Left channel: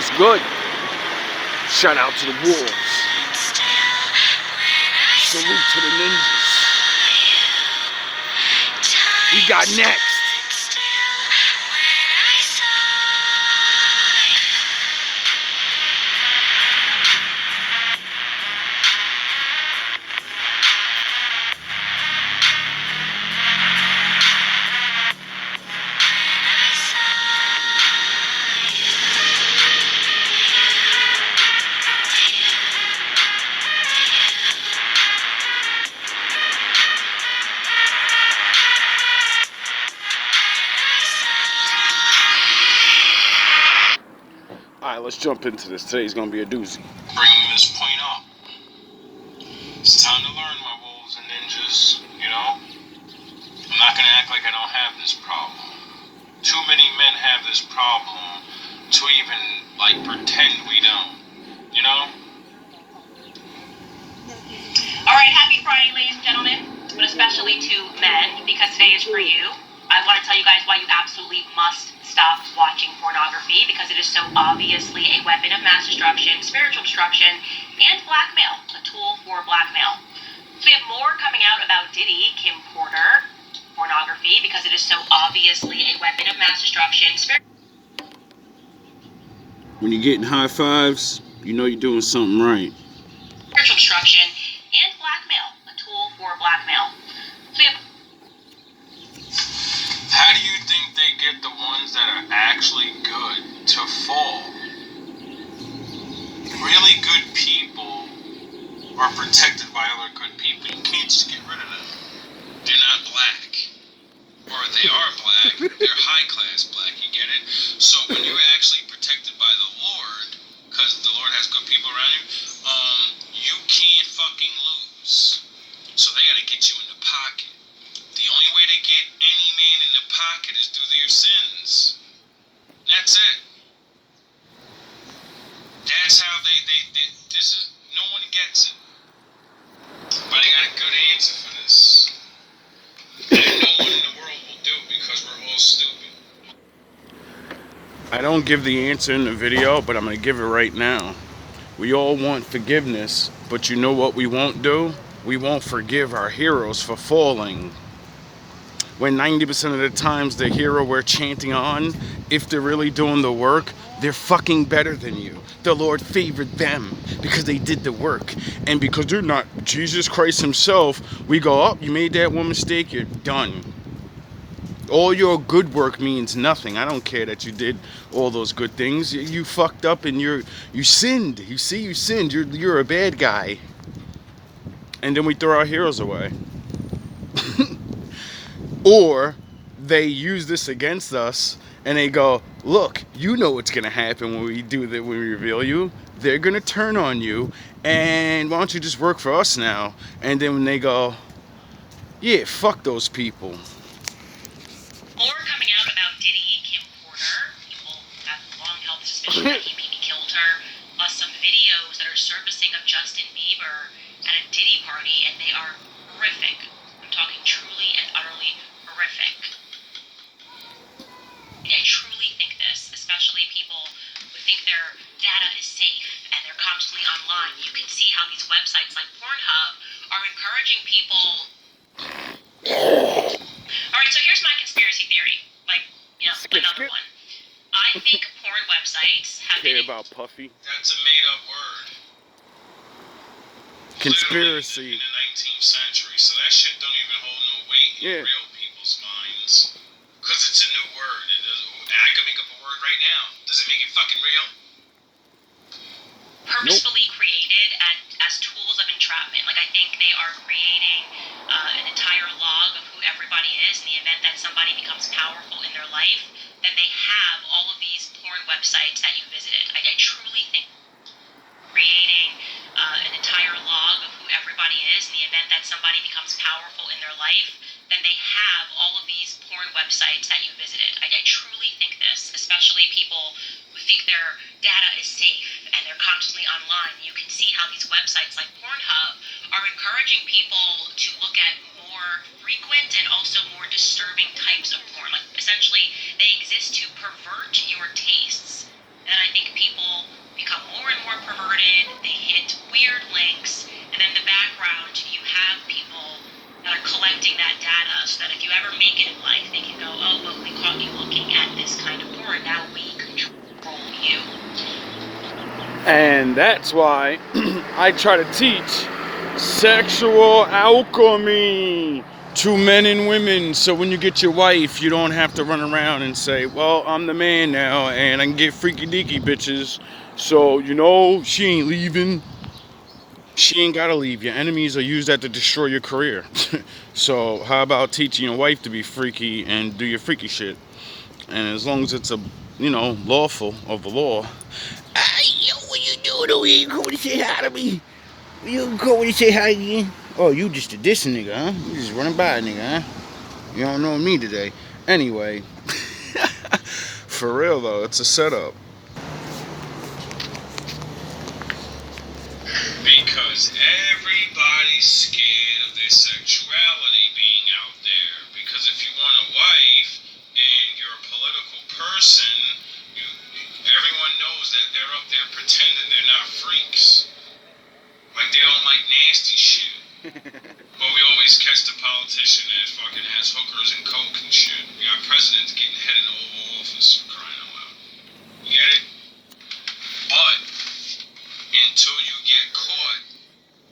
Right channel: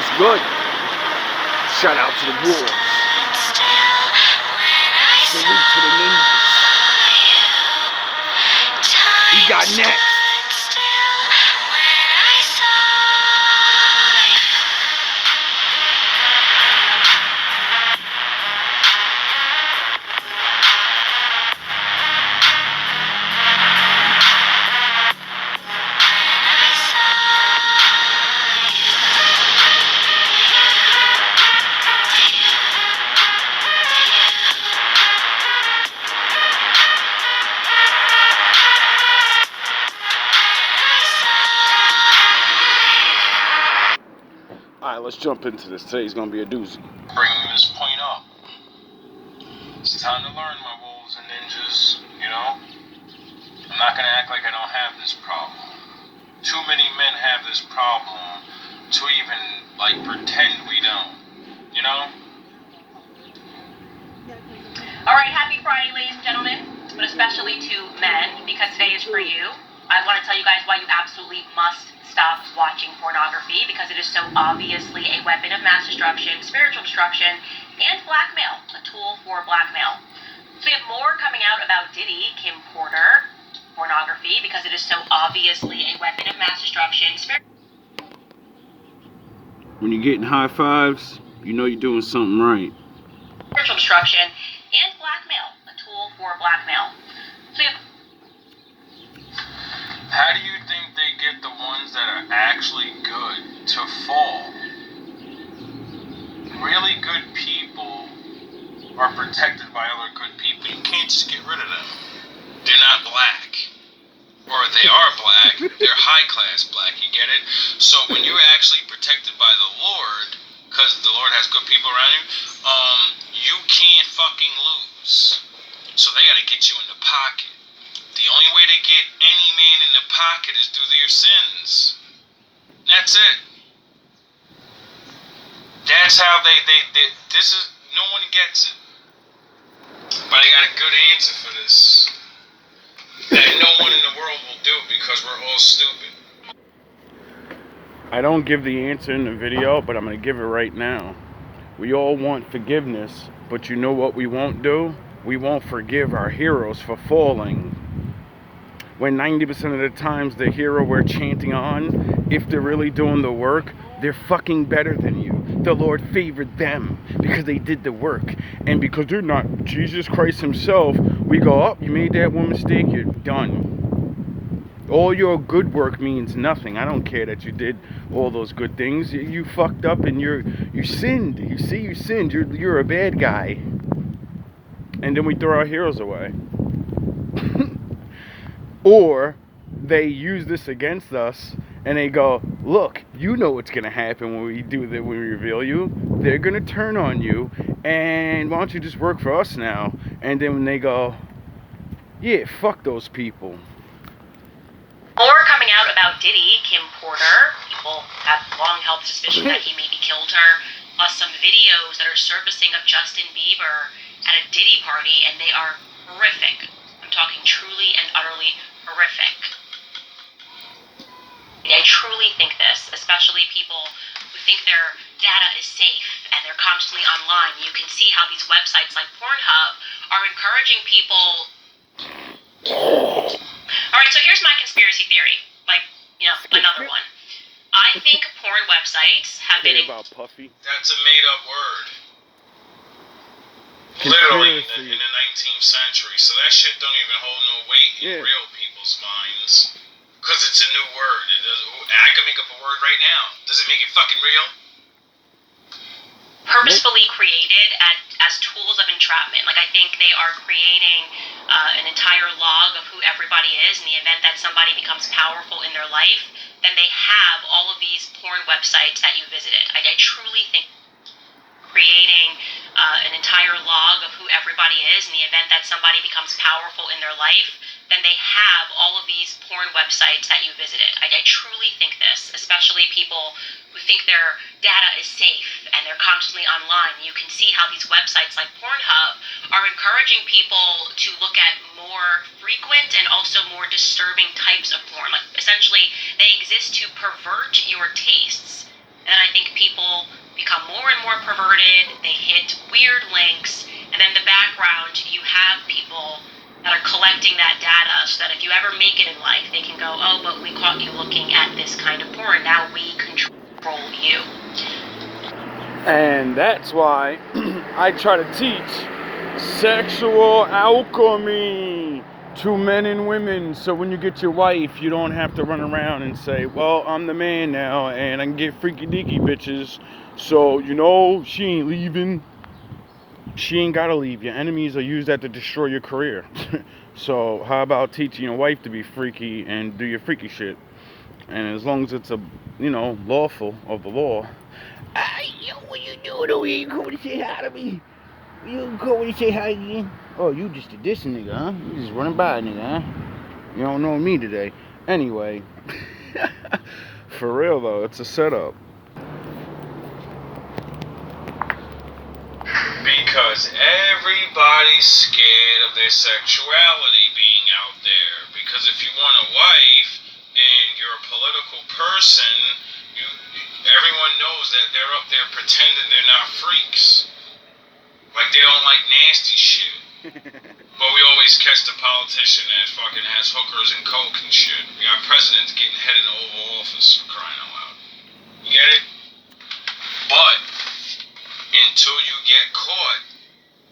was good. Shout out to the Wolves. Salute to the ninjas. We got next. Alright, let's jump into this. Today's gonna be a doozy. Bringing this point up. It's time to learn, my wolves and ninjas, you know? I'm not gonna act like I don't have this problem. Too many men have this problem to even, pretend we don't, you know? Alright, happy Friday, ladies and gentlemen, but especially to men, because today is for you. I want to tell you guys why you absolutely must stop watching pornography, because it is so obviously a weapon of mass destruction, spiritual destruction, and blackmail, a tool for blackmail. So we have more coming out about Diddy, Kim Porter, pornography, because it is so obviously a weapon of mass destruction. When you're getting high fives, you know you're doing something right. Spiritual destruction and blackmail, a tool for blackmail. So how do you think they get the ones that are actually good to fall? Really good people are protected by other good people. You can't just get rid of them. They're not black. Or they are black, they're high-class black, you get it? So when you're actually protected by the Lord, because the Lord has good people around you, you can't fucking lose. So they gotta get you in the pocket. The only way to get any man in the pocket is through your sins. That's it. That's how they this is, no one gets it. But I got a good answer for this. That no one in the world will do, because we're all stupid. I don't give the answer in the video, but I'm going to give it right now. We all want forgiveness, but you know what we won't do? We won't forgive our heroes for falling. When 90% of the times the hero we're chanting on, if they're really doing the work, they're fucking better than you. The Lord favored them because they did the work. And because they're not Jesus Christ himself, we go, oh, you made that one mistake, you're done. All your good work means nothing. I don't care that you did all those good things. You fucked up and you sinned. You see, you sinned. You're a bad guy. And then we throw our heroes away. Or they use this against us and they go, look, you know what's going to happen when we do that, when we reveal you. They're going to turn on you, and why don't you just work for us now? And then when they go, yeah, fuck those people. more coming out about Diddy, Kim Porter. People have long held the suspicion that he maybe killed her. Plus some videos that are surfacing of Justin Bieber at a Diddy party, and they are horrific. I'm talking truly and utterly horrific. I truly think this, especially people who think their data is safe and they're constantly online. You can see how these websites like Pornhub are encouraging people. Alright, so here's my conspiracy theory. Another one. I think porn websites have been... about Puffy? That's a made-up word. Conspiracy. Literally in the 19th century, so that shit don't even hold no weight in real people's minds. Because it's a new word. I can make up a word right now. Does it make it fucking real? Purposefully created as tools of entrapment. I think they are creating an entire log of who everybody is in the event that somebody becomes powerful in their life. Then they have all of these porn websites that you visited. I truly think creating an entire log of who everybody is in the event that somebody becomes powerful in their life, then they have all of these porn websites that you visited. I truly think this, especially people who think their data is safe and they're constantly online. You can see how these websites like Pornhub are encouraging people to look at more frequent and also more disturbing types of porn. Essentially, they exist to pervert your tastes. And I think people become more and more perverted, they hit weird links, and in the background you have people that are collecting that data so that if you ever make it in life, they can go, oh, but we caught you looking at this kind of porn, now we control you. And that's why I try to teach sexual alchemy to men and women, so when you get your wife, you don't have to run around and say, well, I'm the man now and I can get freaky deaky bitches, so you know she ain't leaving. She ain't gotta leave. Your enemies are used that to destroy your career. So how about teaching your wife to be freaky and do your freaky shit, and as long as it's lawful of the law. Yo, what you doing over here? You come to say hi to me? You come to say hi again? Oh, you just a dissing nigga, huh? You just running by, nigga, huh? You don't know me today. Anyway, for real though, it's a setup. Because everybody's scared of their sexuality being out there. Because if you want a wife and you're a political person, everyone knows that they're up there pretending they're not freaks. Like they don't like nasty shit. But we always catch the politician that fucking has hookers and coke and shit. We got presidents getting head in the Oval Office, for crying out loud. You get it? But until you get caught,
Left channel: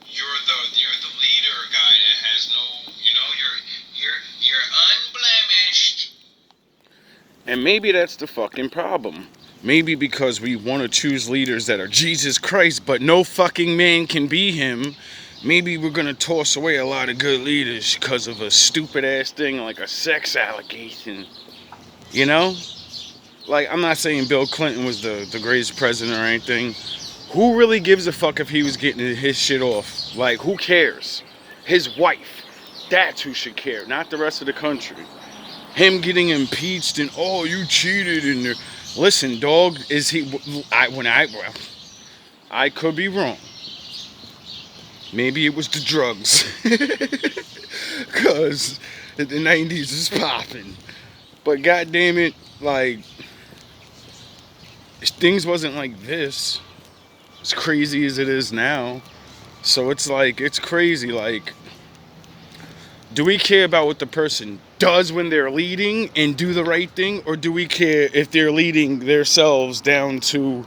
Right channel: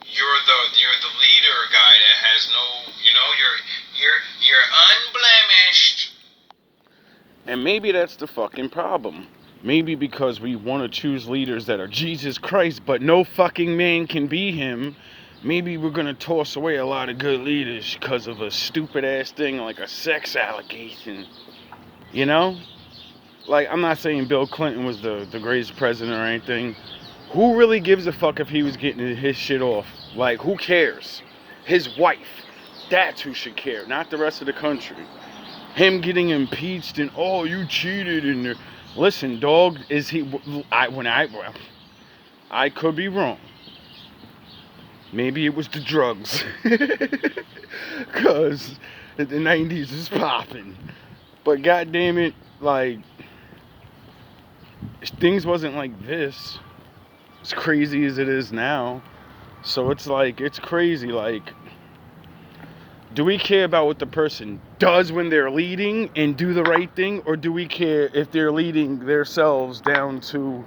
you're the leader guy that has no, you're unblemished. And maybe that's the fucking problem. Maybe because we want to choose leaders that are Jesus Christ, but no fucking man can be him. Maybe we're gonna toss away a lot of good leaders because of a stupid ass thing like a sex allegation. You know? Like, I'm not saying Bill Clinton was the greatest president or anything. Who really gives a fuck if he was getting his shit off? Like, who cares? His wife. That's who should care, not the rest of the country. Him getting impeached and, oh, you cheated and listen, dog, is he? I could be wrong. Maybe it was the drugs, cause the '90s is popping. But goddamn it, like things wasn't like this, as crazy as it is now. So it's like it's crazy. Like, do we care about what the person does when they're leading and do the right thing, or do we care if they're leading themselves down to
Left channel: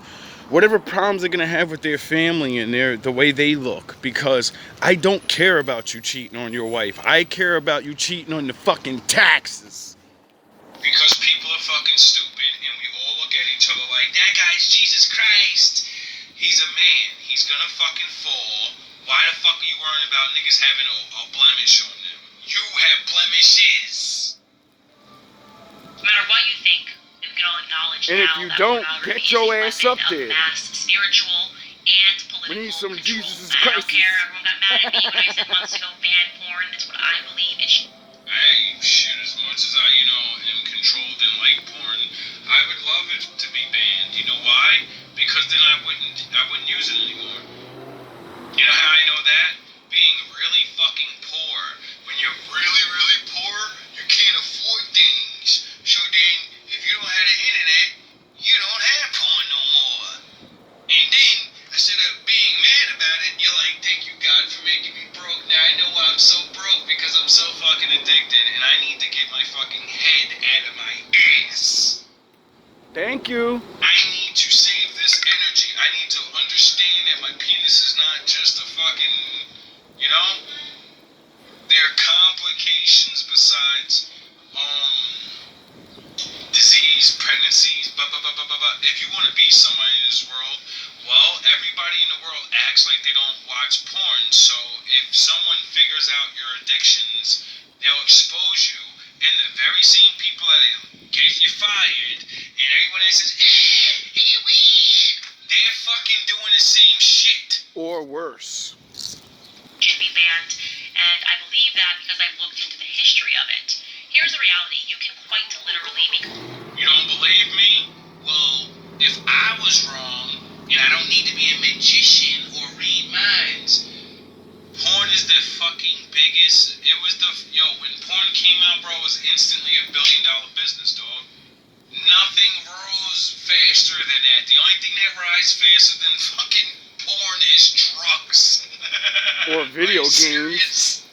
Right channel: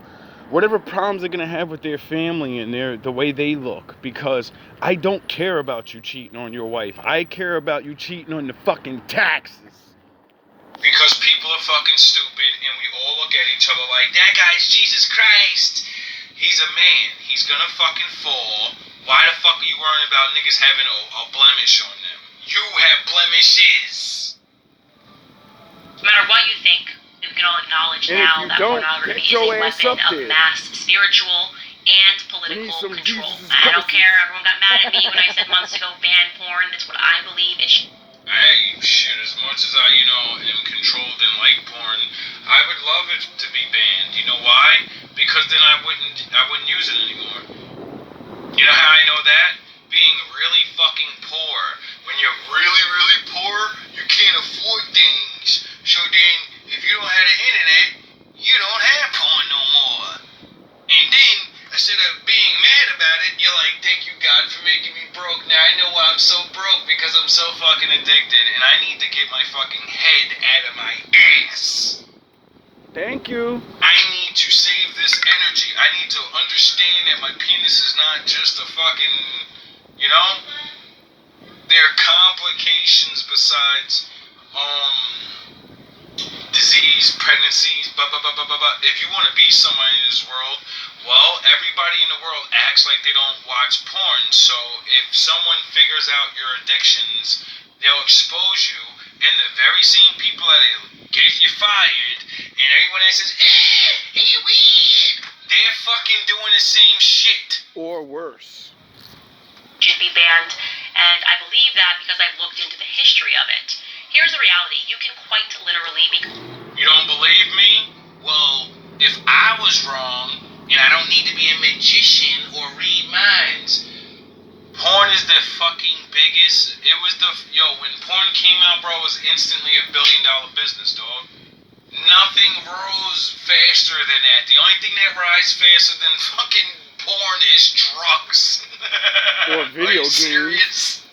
whatever problems they're gonna have with their family and the way they look? Because I don't care about you cheating on your wife. I care about you cheating on the fucking taxes. Because people are fucking stupid and we all look at each other like, that guy's Jesus Christ. He's a man. He's gonna fucking fall. Why the fuck are you worrying about niggas having a blemish on them? You have blemishes. No matter what you think, we can all acknowledge And now if you that don't, pornography get your is a ass weapon up of there. mass spiritual and political We need some control. Jesus I don't Christ. care. Everyone got mad at me when I said months ago ban porn. That's what I believe it should. Hey, shit, as much as I, am controlled and like porn, I would love it to be banned. You know why? Because then I wouldn't use it anymore. You know how I know that? Being really fucking poor. When you're really, really poor, you can't afford things. So then, if you don't have the internet, you don't have porn no more. And then, instead of being mad about it, you're like, thank you, God, for making me broke. Now I know why I'm so broke, because I'm so fucking addicted, and I need to get my fucking head out of my ass. Thank you. I need to save this energy. I need to understand that my penis is not just a fucking, there are complications besides, disease, pregnancies, blah, blah, blah, blah, blah, blah. If you want to be somebody in this world, well, everybody in the world acts like they don't watch porn. So if someone figures out your addictions, they'll expose you, and the very same people that get you fired, and everyone that says, they're fucking doing the same shit. Or worse. Should be banned, and I believe that because I've looked into the history of it. Here's the reality: you can quite literally be. You don't believe me? Well, if I was wrong, and I don't need to be a magician or read minds, porn is the fucking biggest. It was when porn came out, bro, it was instantly $1 billion business, dog. nothing rose faster than that. The only thing that rises faster than fucking porn is drugs. Or video games. Serious?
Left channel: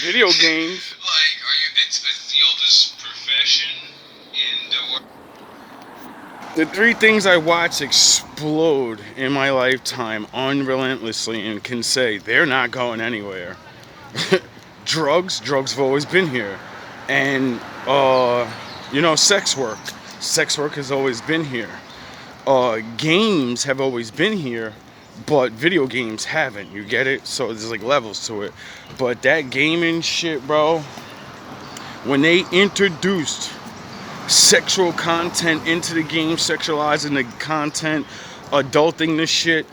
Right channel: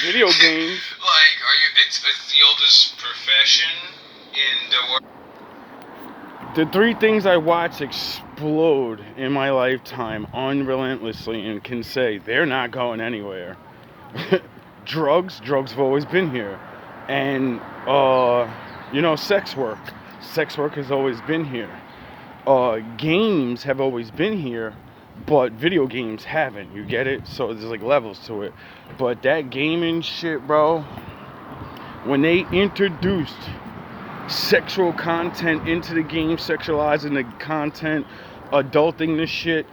Video games. Like, it's the oldest profession in the world. The 3 things I watch explode in my lifetime unrelentlessly and can say they're not going anywhere. Drugs have always been here. And, sex work. Sex work has always been here. Games have always been here, but video games haven't. You get it? So there's like levels to it. But that gaming shit, bro, when they introduced sexual content into the game, sexualizing the content, adulting the shit,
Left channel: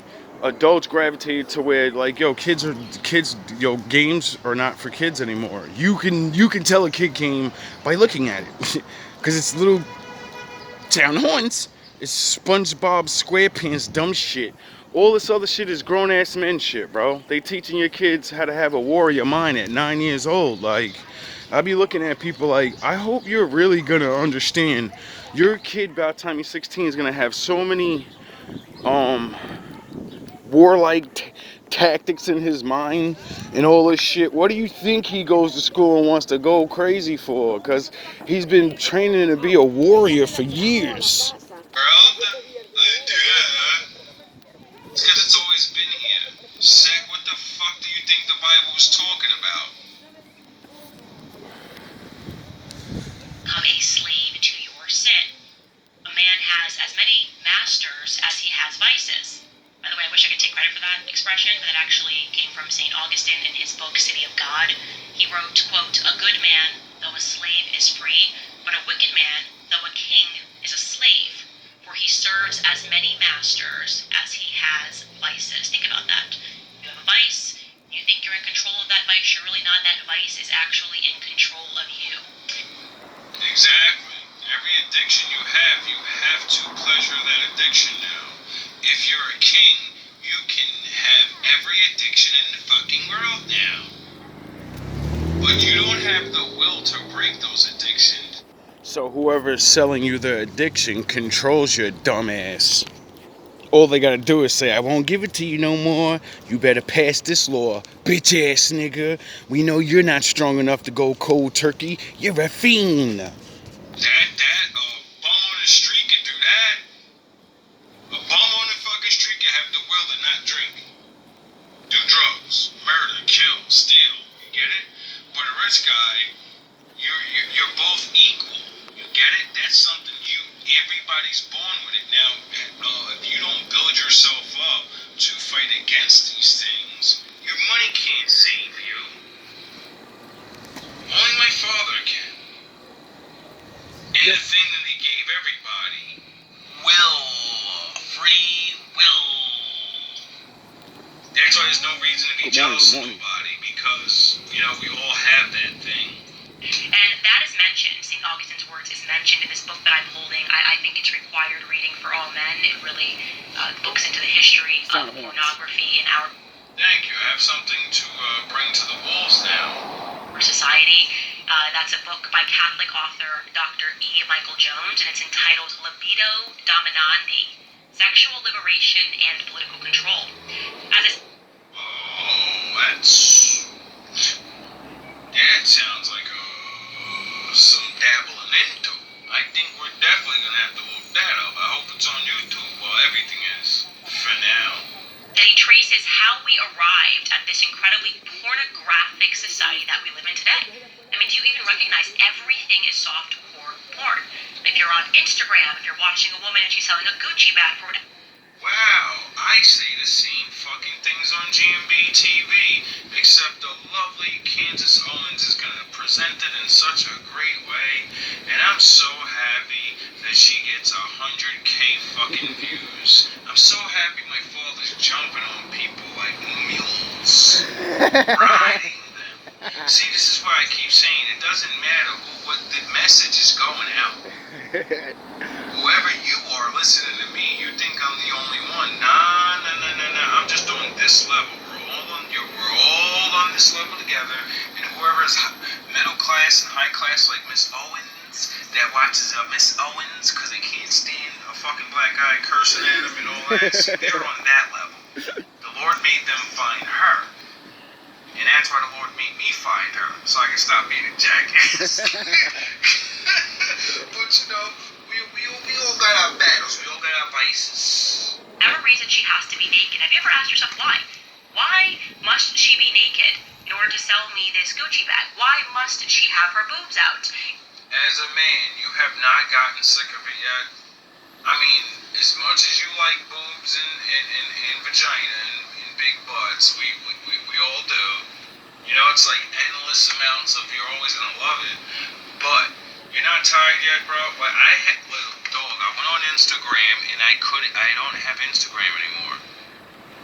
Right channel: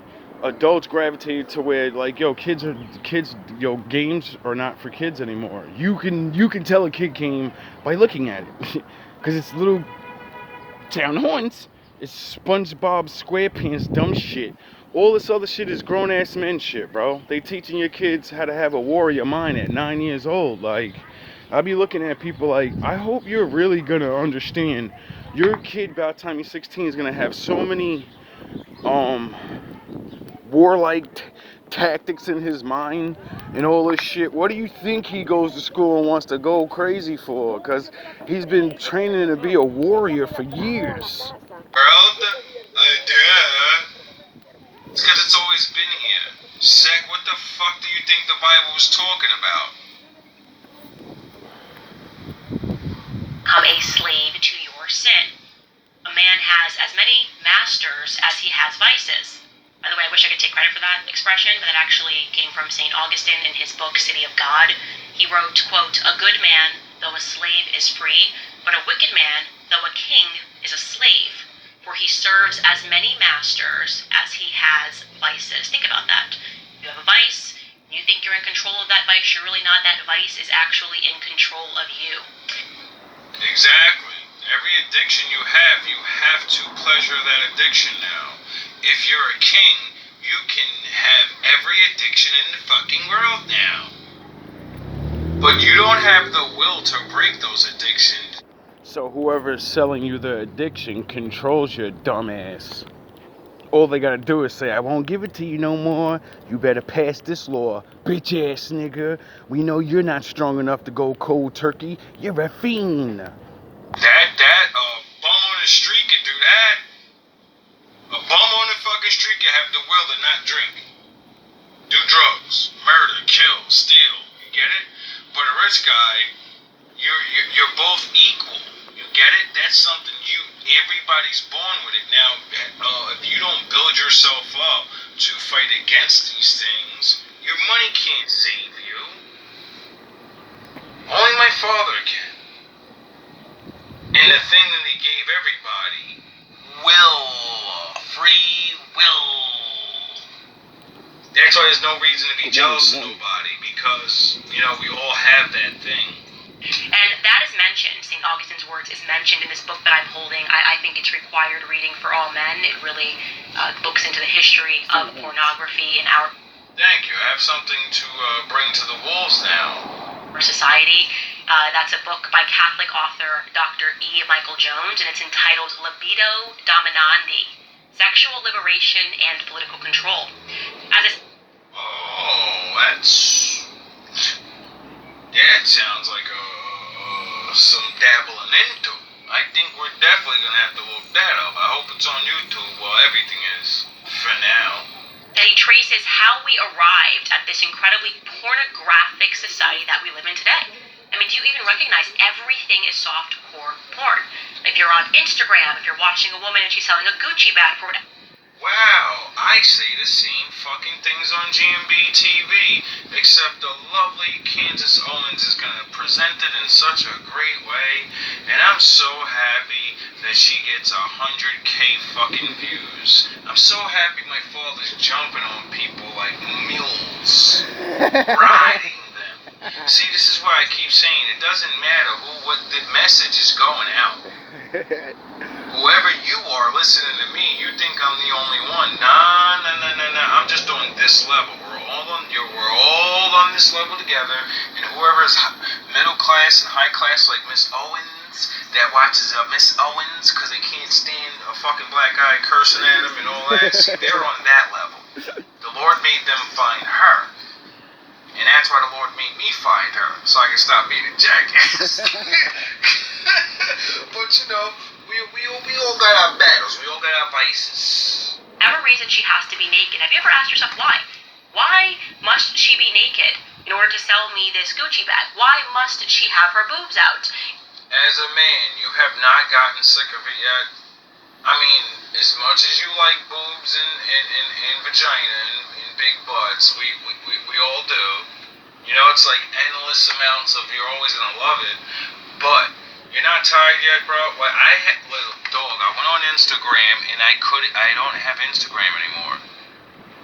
adults gravitated to where like, games are not for kids anymore. You can tell a kid game by looking at it, because it's little town horns, it's SpongeBob SquarePants dumb shit. All this other shit is grown ass men shit, bro. They teaching your kids how to have a warrior mind at 9 years old. Like, I be looking at people like, I hope you're really gonna understand. Your kid, by the time he's 16, is gonna have so many warlike tactics in his mind and all this shit. What do you think he goes to school and wants to go crazy for? Because he's been training to be a warrior for years. It's because it's always been here. Sec, what the fuck do you think the Bible was talking about? Become a slave to your sin. A man has as many masters as he has vices. By the way, I wish I could take credit for that expression, but that actually came from St. Augustine in his book, City of God. He wrote, quote, "A good man, though a slave, is free, but a wicked man, though a king, is a slave. For he serves as many masters as he has vices." Think about that. You have a vice, you think you're in control of that vice, you're really not. That vice is actually in control of you. Exactly. Every addiction you have to pleasure that addiction now. If you're a king, you can have every addiction in the fucking world now. But you don't have the will to break those addictions. So whoever's selling you the addiction controls your dumb ass. All they gotta do is say, I won't give it to you no more. You better pass this law. Bitch ass nigga. We know you're not strong enough to go cold turkey. You're a fiend. Bum on the street can do that. A bum on the fucking street can have the will to not drink. Do drugs, murder, kill, steal. You get it? But a rich guy, you're both equal. You get it? That's something everybody's born with it. Now, if you don't build yourself up to fight against these things, your money can't save you. Only my father can. And the thing that he gave everybody, free will. That's why there's no reason to be jealous of nobody, because, we all have that thing. And that is mentioned, St. Augustine's words is mentioned in this book that I'm holding. I think it's required reading for all men. It really looks into the history of pornography in our... Thank you. I have something to bring to the walls now. ...our society. That's a book by Catholic author Dr. E. Michael Jones, and it's entitled Libido Dominandi, Sexual Liberation and Political Control. That sounds like some dabbling into. I think we're definitely going to have to look that up. I hope it's on YouTube. Well, everything is, for now. And he traces how we arrived at this incredibly pornographic society that we live in today. I mean, do you even recognize everything is softcore porn? If you're on Instagram, if you're watching a woman and she's selling a Gucci bag for whatever. Wow, I say the same fucking things on GMB TV, except the lovely Candace Owens is going to present it in such a great way, and I'm so happy that she gets 100K fucking views. I'm so happy my father's jumping on people like mules, riding them. See, this is why I keep saying it doesn't matter what the message is going out. Whoever you are listening to me, you think I'm the only one. Nah. I'm just on this level. We're all on this level together, and whoever's middle class and high class like Miss Owens that watches Miss Owens because they can't stand a fucking black guy cursing at them and all that. See, they're on that level. The Lord made them find her. And that's why the Lord made me find her, so I can stop being a jackass. But you know, we all got our battles. We all got our vices. Whatever reason she has to be naked. Have you ever asked yourself why? Why must she be naked in order to sell me this Gucci bag? Why must she have her boobs out? As a man, you have not gotten sick of it yet. I mean, as much as you like boobs and vagina and big butts, we all do. You know, it's like endless amounts of you're always gonna love it. But you're not tired yet, bro? Well, I went on Instagram and I don't have Instagram anymore.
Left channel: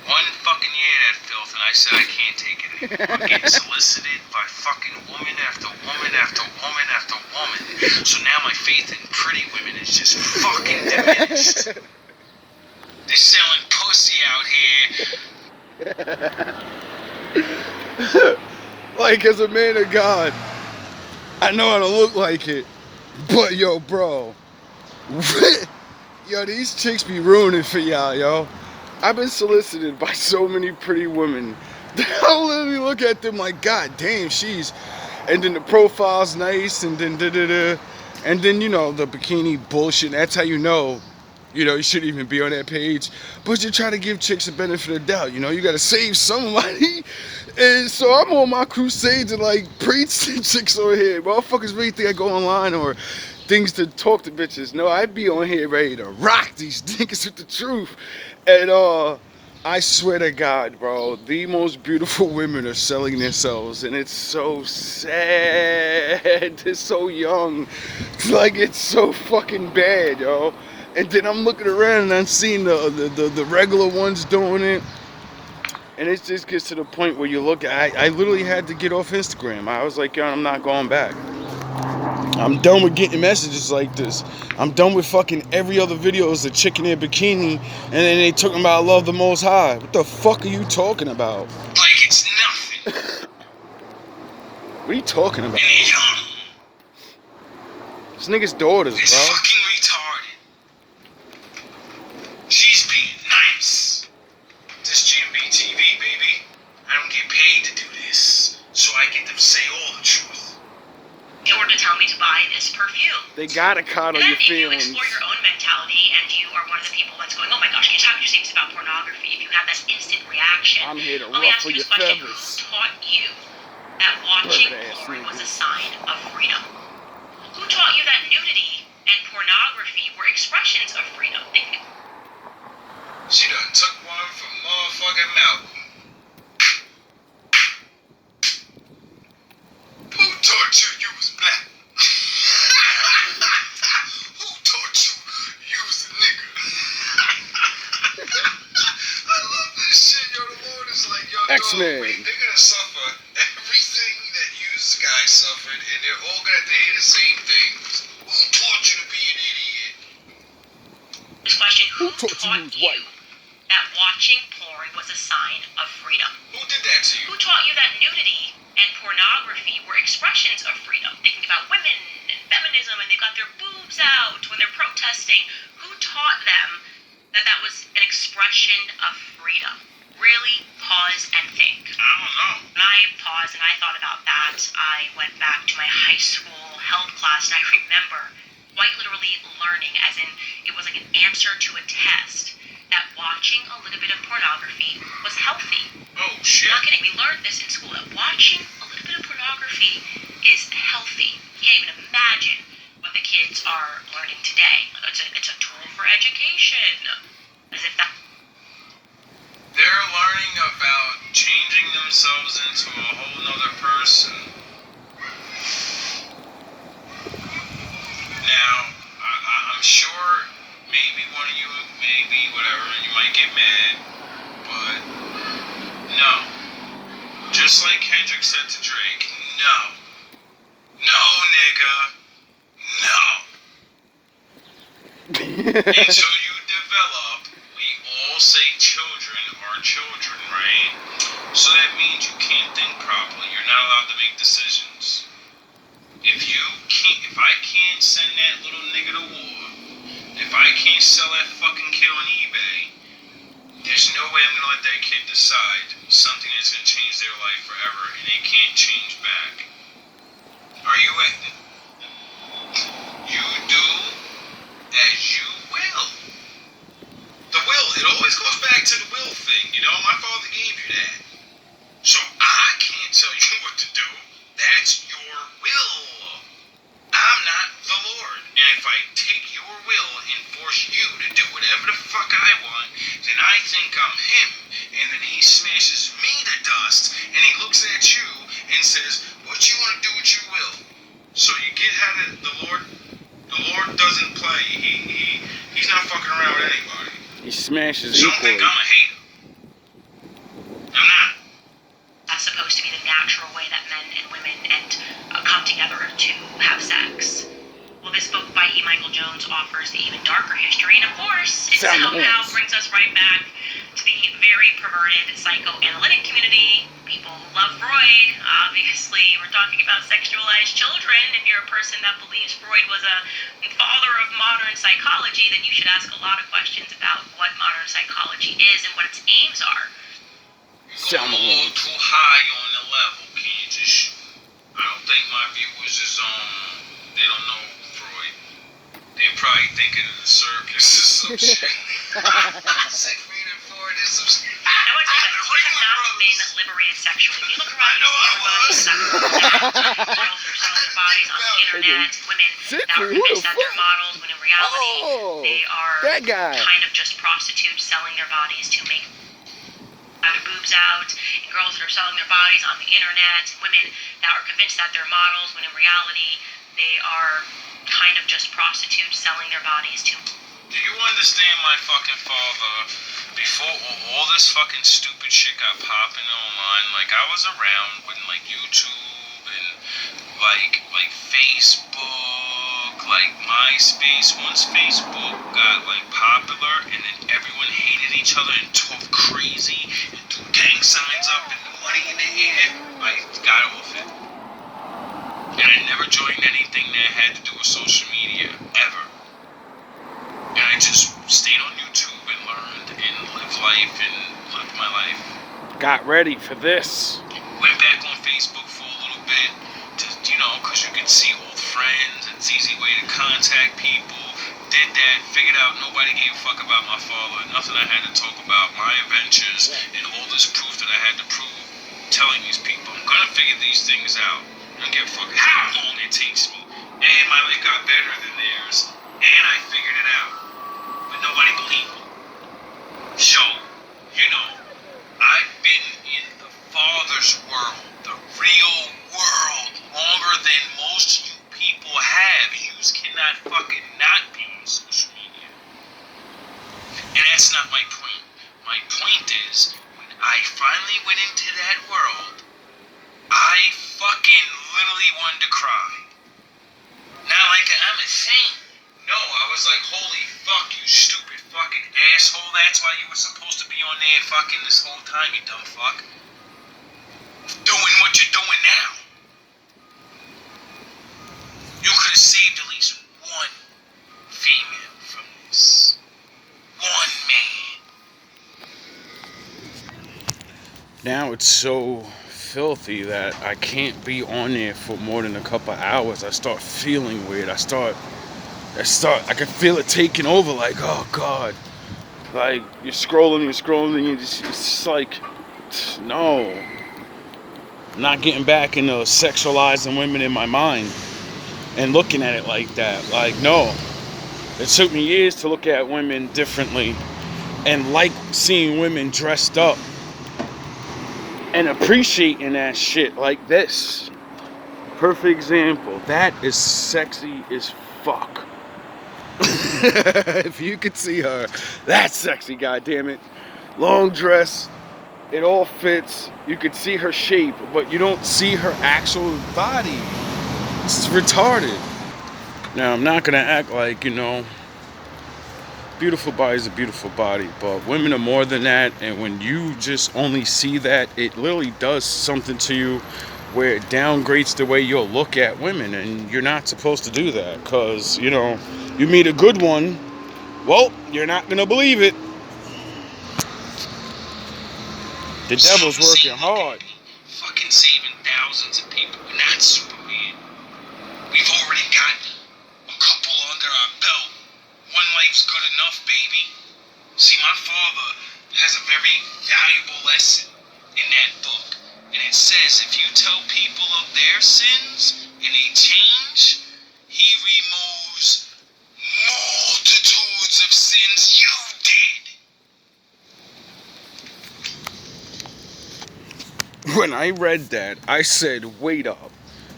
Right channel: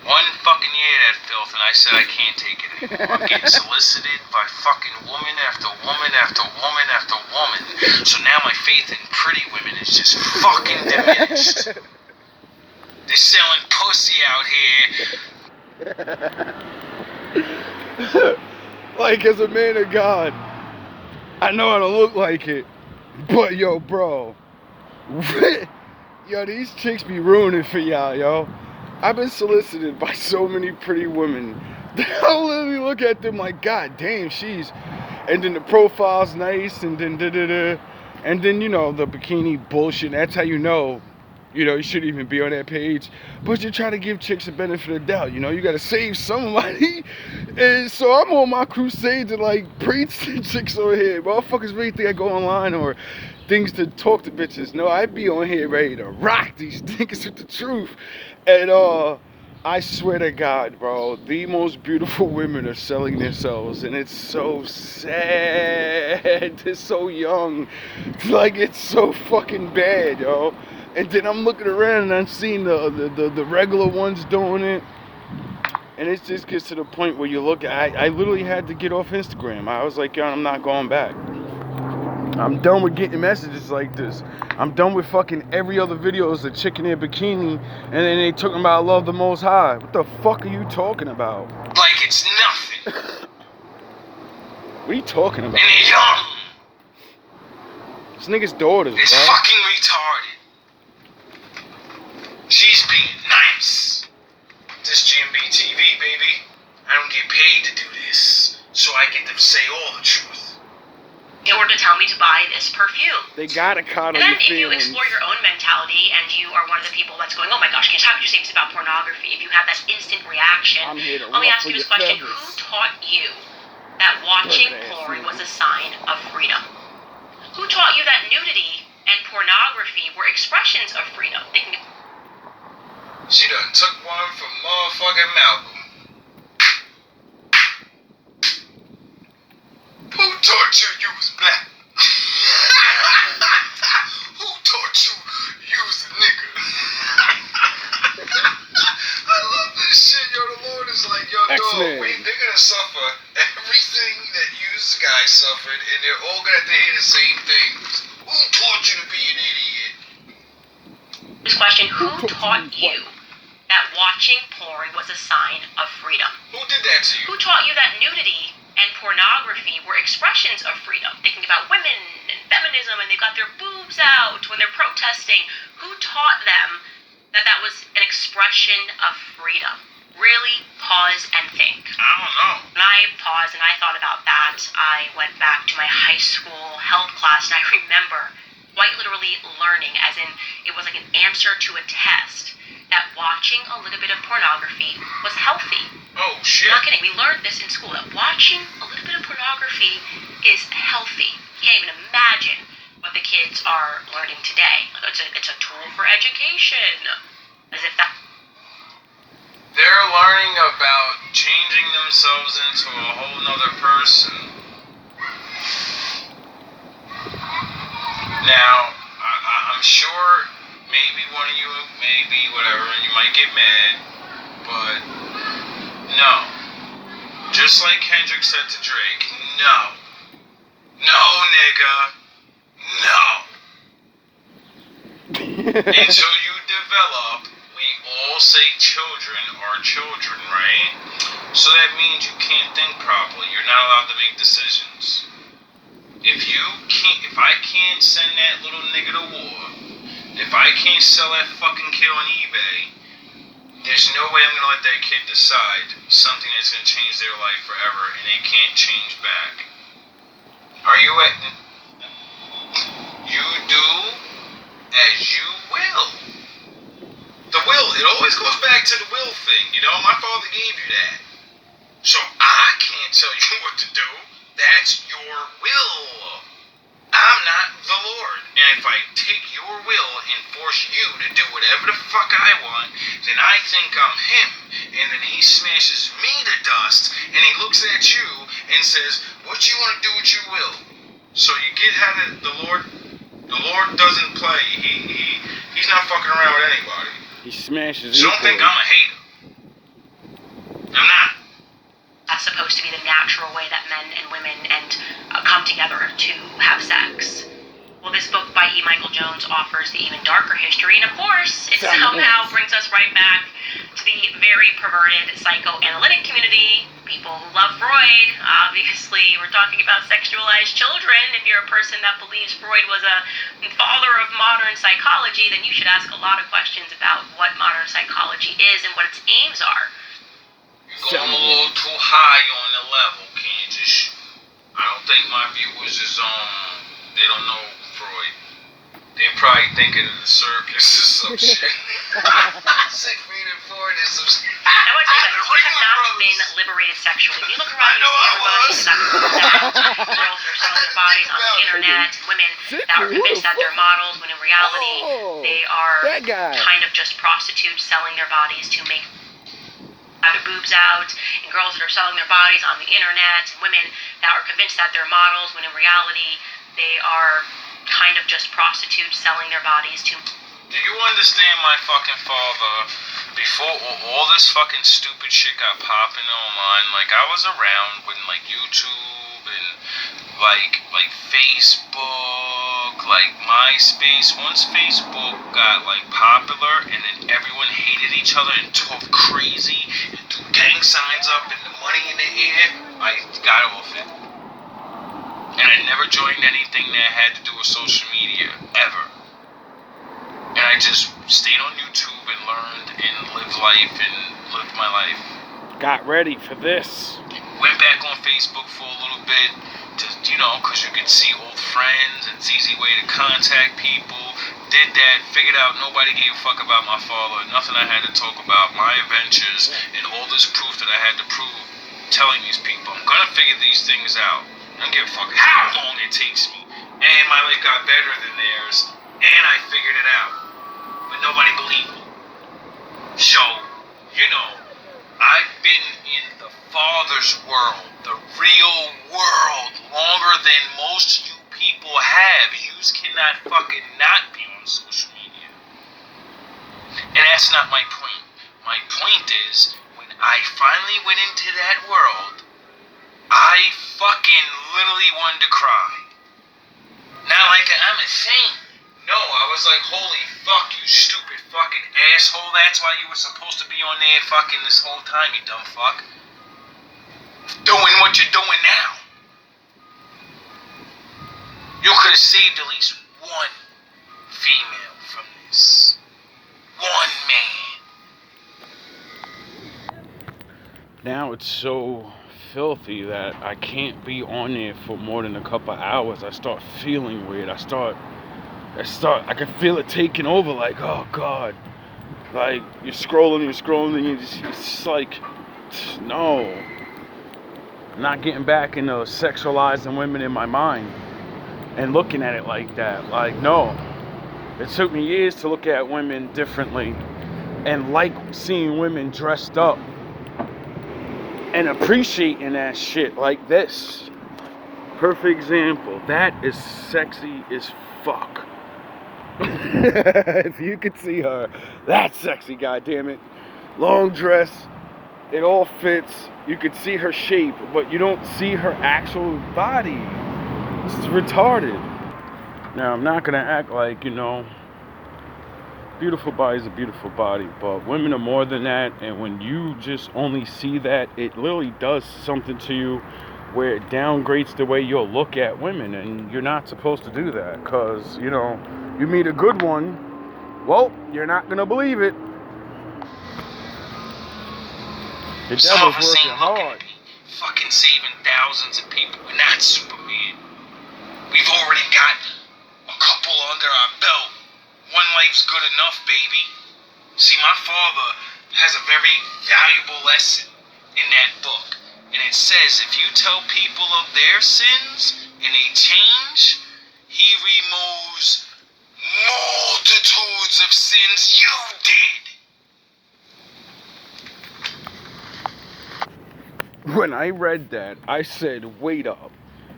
One fucking year of that filth, and I said I can't take it anymore. I'm getting solicited by fucking woman after woman after woman after woman. So now my faith in pretty women is just fucking diminished. They're selling pussy out here. Like, as a man of God, I know how to look like it. But, yo, bro. Yo, these chicks be ruining for y'all, yo. I've been solicited by so many pretty women that I literally look at them like, God damn, she's... And then the profile's nice, and then da-da-da. And then, you know, the bikini bullshit. That's how you know, you shouldn't even be on that page. But you try to give chicks a benefit of the doubt, you got to save somebody. And so I'm on my crusade to, like, preach to chicks on here. Motherfuckers really think I go online or things to talk to bitches. No, I be on here ready to rock these niggas with the truth. And I swear to God, bro, the most beautiful women are selling themselves, and it's so sad. They're so young. Like, it's so fucking bad, yo. And then I'm looking around and I'm seeing the regular ones doing it. And it just gets to the point where you look at, I literally had to get off Instagram. I was like, yo, I'm not going back. I'm done with getting messages like this. I'm done with fucking every other video is a chick in a bikini and then they talking about love the Most High. What the fuck are you talking about? Like it's nothing. What are you talking about? And they're young. This nigga's daughters, It's bro. fucking retarded. She's being nice. This GMB TV, baby. I don't get paid to do this, so I get to say all the truth. In order to tell me to buy this perfume. They gotta coddle your And then if you feelings. explore your own mentality and you are one of the people that's going, oh my gosh, how could you say this about pornography? If you have that instant reaction, I'm here to let me ask ruffle you your this question. feathers. Who taught you that watching Bird-ass porn was nigga. a sign of freedom? Who taught you that nudity and pornography were expressions of freedom? She done took one from motherfucking Malcolm. Who taught you was black? Who taught you was a nigga? I love this shit, yo. The Lord is like, yo, X-Men. dog, they're gonna suffer everything that you guys suffered, and they're all gonna have to hear the same things. Who taught you to be an idiot? This question, who taught you white? that watching porn was a sign of freedom? Who did that to you? Who taught you that nudity and pornography were expressions of freedom? Thinking about women and feminism and they've got their boobs out when they're protesting. Who taught them that that was an expression of freedom? Really pause and think. I don't know. When I paused and I thought about that, I went back to my high school health class and I remember quite literally learning, as in it was like an answer to a test, that watching a little bit of pornography was healthy. Oh, shit. I'm not kidding. We learned this in school, that watching a little bit of pornography is healthy. You can't even imagine what the kids are learning today. It's a tool for education. As if that... They're learning about changing themselves into a whole nother person. Now, I'm sure maybe one of you, maybe whatever, and you might get mad, but no. Just like Kendrick said to Drake, no. No, nigga. No. Until you develop, we all say children are children, right? So that means you can't think properly. You're not allowed to make decisions. If I can't send that little nigga to war, if I can't sell that fucking kid on eBay, there's no way I'm gonna let that kid decide something that's gonna change their life forever and they can't change back. Are you at? You do as you will. The will, it always goes back to the will thing, you know? My father gave you that. So I can't tell you what to do. That's your will. I'm not the Lord. And if I take your will and force you to do whatever the fuck I want, then I think I'm him. And then he smashes me to dust and he looks at you and says, what you want to do with your will? So you get how the Lord doesn't play. He's not fucking around with anybody. He smashes So equally. don't think I'm a hater. I'm not. That's supposed to be the natural way that men and women come together to have sex. Well, this book by E. Michael Jones offers the even darker history, and of course, it somehow brings us right back to the very perverted psychoanalytic community, people who love Freud. Obviously, we're talking about sexualized children. If you're a person that believes Freud was a father of modern psychology, then you should ask a lot of questions about what modern psychology is and what its aims are. Go a little too high on the level, Kansas. I don't think my viewers is they don't know Freud. They're probably thinking of the circus or some shit. Siegfried and Freud is some shit. I want to tell you that we have not been liberated sexually. If you look around your neighborhoods, girls are selling their bodies on the internet, women that are convinced that they're models, when in reality they are kind of just prostitutes selling their bodies to make their boobs out, and girls that are selling their bodies on the internet, and women that are convinced that they're models, when in reality they are kind of just prostitutes selling their bodies to. Do you understand my fucking father? Before all this fucking stupid shit got popping online, like I was around when like YouTube and like Facebook, like MySpace. Once Facebook got like popular and then everyone hated each other and talked crazy and threw gang signs up and the money in the air, I got off it. And I never joined anything that had to do with social media, ever. And I just stayed on YouTube and learned and lived life and lived my life. Got ready for this. Went back on Facebook for a little bit, because you could see old friends. It's an easy way to contact people. Did that, figured out nobody gave a fuck about my father, nothing I had to talk about, my adventures, and all this proof that I had to prove, telling these people, I'm gonna figure these things out. I don't give a fuck how long it takes me. And my life got better than theirs, and I figured it out. But nobody believed me. So, I've been in the Father's world, the real world, longer than most you people have. You cannot fucking not be on social media. And that's not my point. My point is, when I finally went into that world, I fucking literally wanted to cry. Not like I'm a saint. No, I was like, holy fuck, you stupid fucking asshole. That's why you were supposed to be on there fucking this whole time, you dumb fuck. Doing what you're doing now. You could have saved at least one female from this. One man. Now it's so filthy that I can't be on there for more than a couple hours. I start feeling weird. I can feel it taking over, like, oh God. Like, you're scrolling, and it's like, no. I'm not getting back into sexualizing women in my mind and looking at it like that. Like, no. It took me years to look at women differently and like seeing women dressed up and appreciating that shit like this. Perfect example. That is sexy as fuck. If you could see her, that's sexy, goddammit. Long dress, it all fits. You could see her shape, but you don't see her actual body. It's retarded. Now, I'm not gonna act like, beautiful body is a beautiful body, but women are more than that, and when you just only see that, it literally does something to you where it downgrades the way you'll look at women, and you're not supposed to do that, because, you know, you meet a good one, well, you're not gonna believe it. The Some devil's of us working ain't looking hard. to be fucking saving thousands of people, and that's super weird. We've already got a couple under our belt. One life's good enough, baby. See, my father has a very valuable lesson in that book. And it says if you tell people of their sins and they change, he removes multitudes of sins you did. When I read that, I said, wait up.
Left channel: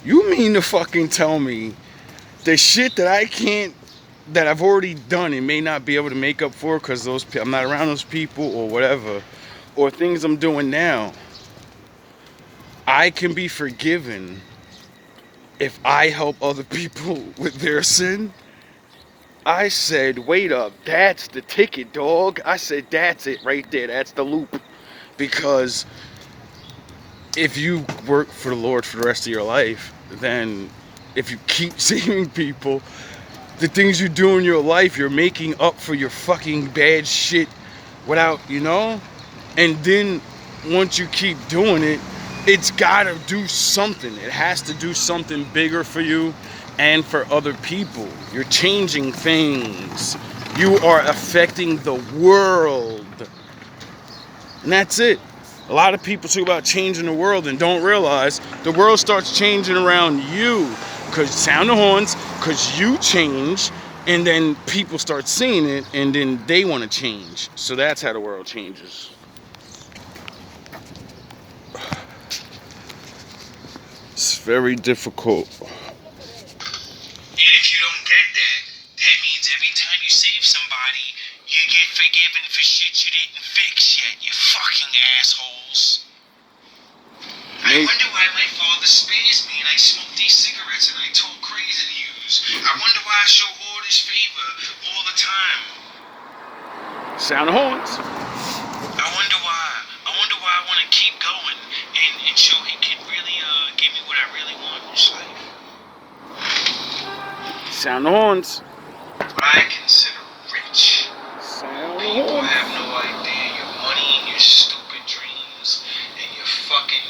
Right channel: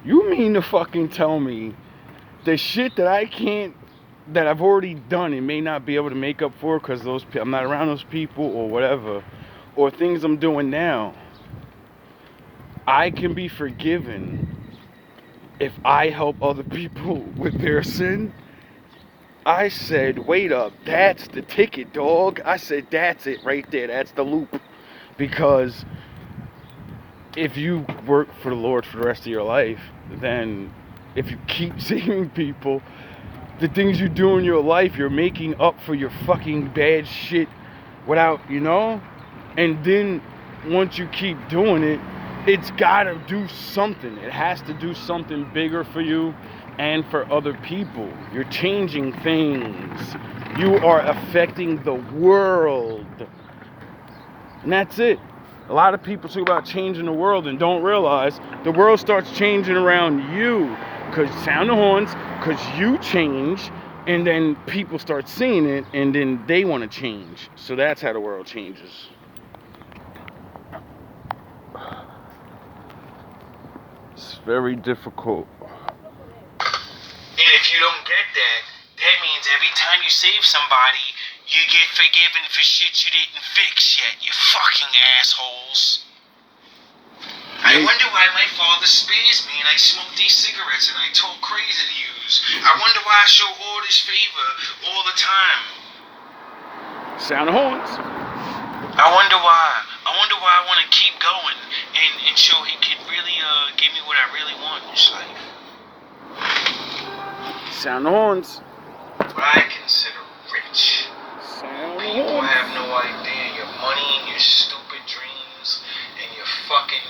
You mean to fucking tell me the shit that that I've already done and may not be able to make up for because I'm not around those people or whatever, or things I'm doing now, I can be forgiven if I help other people with their sin? I said, wait up, that's the ticket, dog. I said, that's it right there. That's the loop. Because if you work for the Lord for the rest of your life, then if you keep saving people, the things you do in your life, you're making up for your fucking bad shit without, you know? And then once you keep doing it, it's gotta do something. It has to do something bigger for you and for other people. You're changing things. You are affecting the world. And that's it. A lot of people talk about changing the world and don't realize the world starts changing around you. Because sound the horns, because you change, and then people start seeing it, and then they want to change. So that's how the world changes. It's very difficult. And if you don't get that, that means every time you save somebody, you get forgiven for shit you didn't fix yet, you fucking assholes. I wonder why my father spares me and I smoke these cigarettes and I talk crazy to use. I wonder why I show all this favor all the time. Sound the horns. I wonder why. I wonder why I want to keep going and show he can really give me what I really want in this life. Sound the horns. What I consider rich. Sound the People horns. have no idea your money and your stupid dreams and your fucking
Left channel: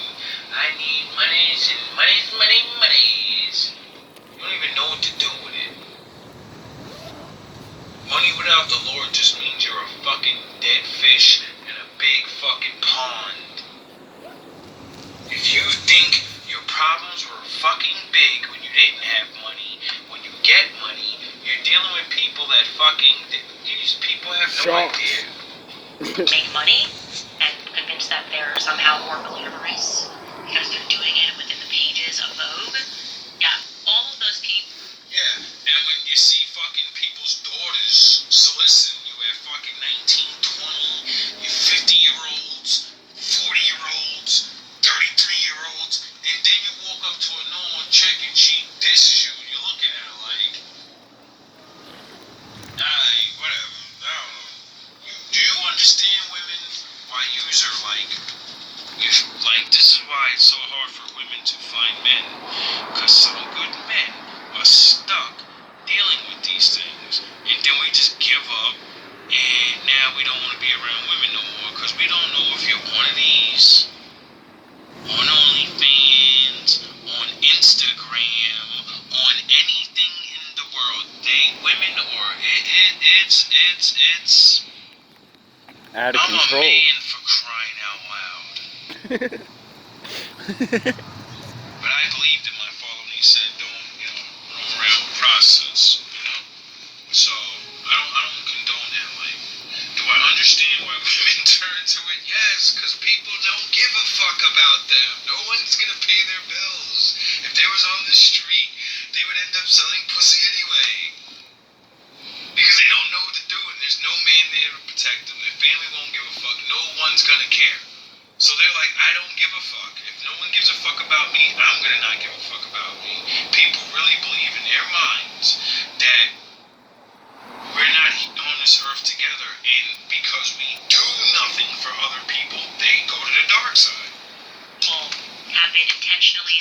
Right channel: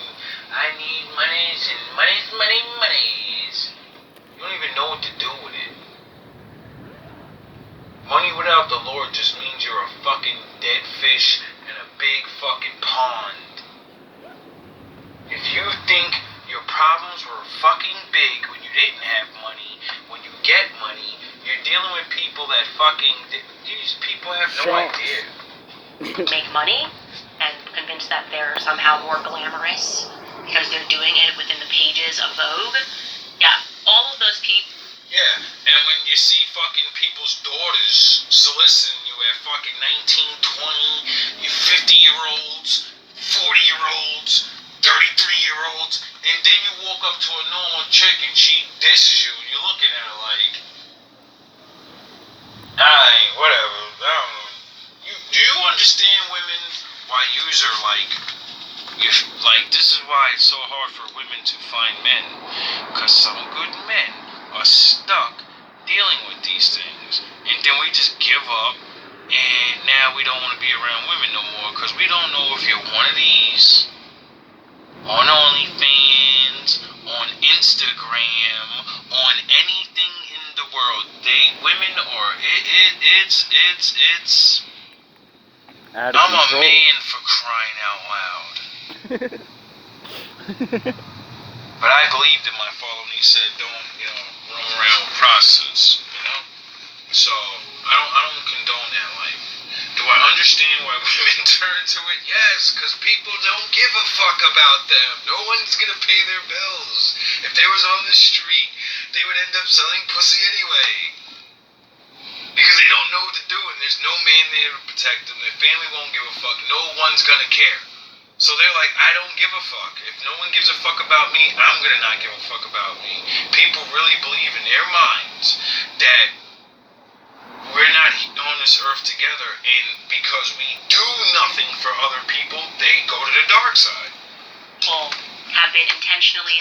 I need monies and monies. You don't even know what to do with it. Money without the Lord just means you're a fucking dead fish in a big fucking pond. If you think your problems were fucking big when you didn't have money, when you get money, you're dealing with people that fucking, these people have no idea. Make money and convince that they're somehow more glamorous because they're doing it within the pages of Vogue. Yeah, all of those people. Yeah, and when you see fucking people's daughters soliciting you at fucking 19, 20, 50-year-olds, 40-year-olds, 33-year-olds, and then you walk up to a normal chick and she disses you, and you're looking at her like, whatever, I don't know. Do you understand, women, why yous are like, this is why it's so hard for women to find men, because some good men are stuck dealing with these things, and then we just give up, and now we don't want to be around women no more, because we don't know if you're one of these, on OnlyFans, on Instagram, on anything in the world. Women are, it's Out of I'm control. a man for crying out loud. But I believed in my father when he said, don't, run around with process, So, I don't condone that life. Do I understand why women turn to it? Yes, because people don't give a fuck about them. No one's gonna pay their bills. If they was on the street, they would end up selling pussy anyway. Because they don't know what to do, and there's no man there to protect them. Their family won't give a fuck. No one's gonna care. So they're like, I don't give a fuck. If no one gives a fuck about me, I'm gonna not give a fuck about me. People really believe in their minds that we're not on this earth together, and because we do nothing for other people, they go to the dark side. People have been intentionally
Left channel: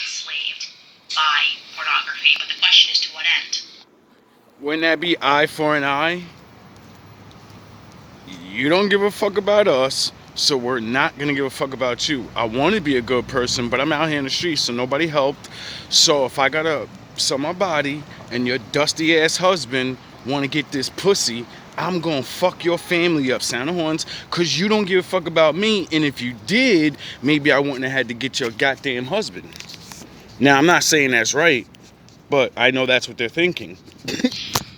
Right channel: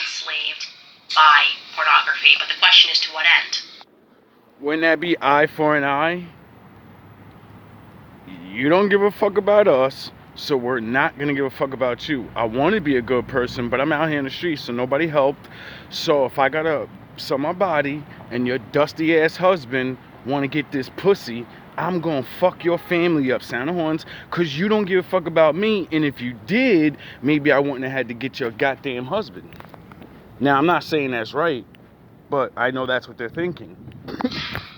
Wouldn't that be eye for an eye? You don't give a fuck about us, so we're not gonna give a fuck about you. I want to be a good person, but I'm out here in the streets, so nobody helped. So if I gotta sell my body and your dusty ass husband want to get this pussy, I'm gonna fuck your family up, sound of horns, cause you don't give a fuck about me. And if you did, maybe I wouldn't have had to get your goddamn husband. Now I'm not saying that's right, but I know that's what they're thinking.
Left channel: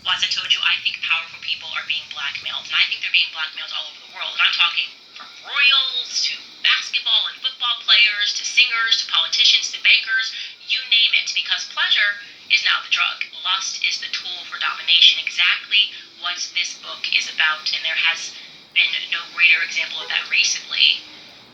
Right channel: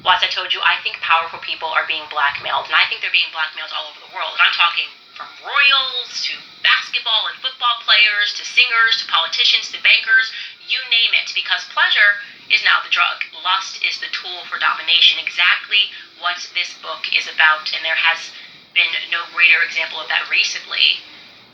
Well, as I told you, I think powerful people are being blackmailed, and I think they're being blackmailed all over the world. And I'm talking from royals to basketball and football players to singers to politicians to bankers, you name it, because pleasure is now the drug. Lust is the tool for domination, exactly what this book is about, and there has been no greater example of that recently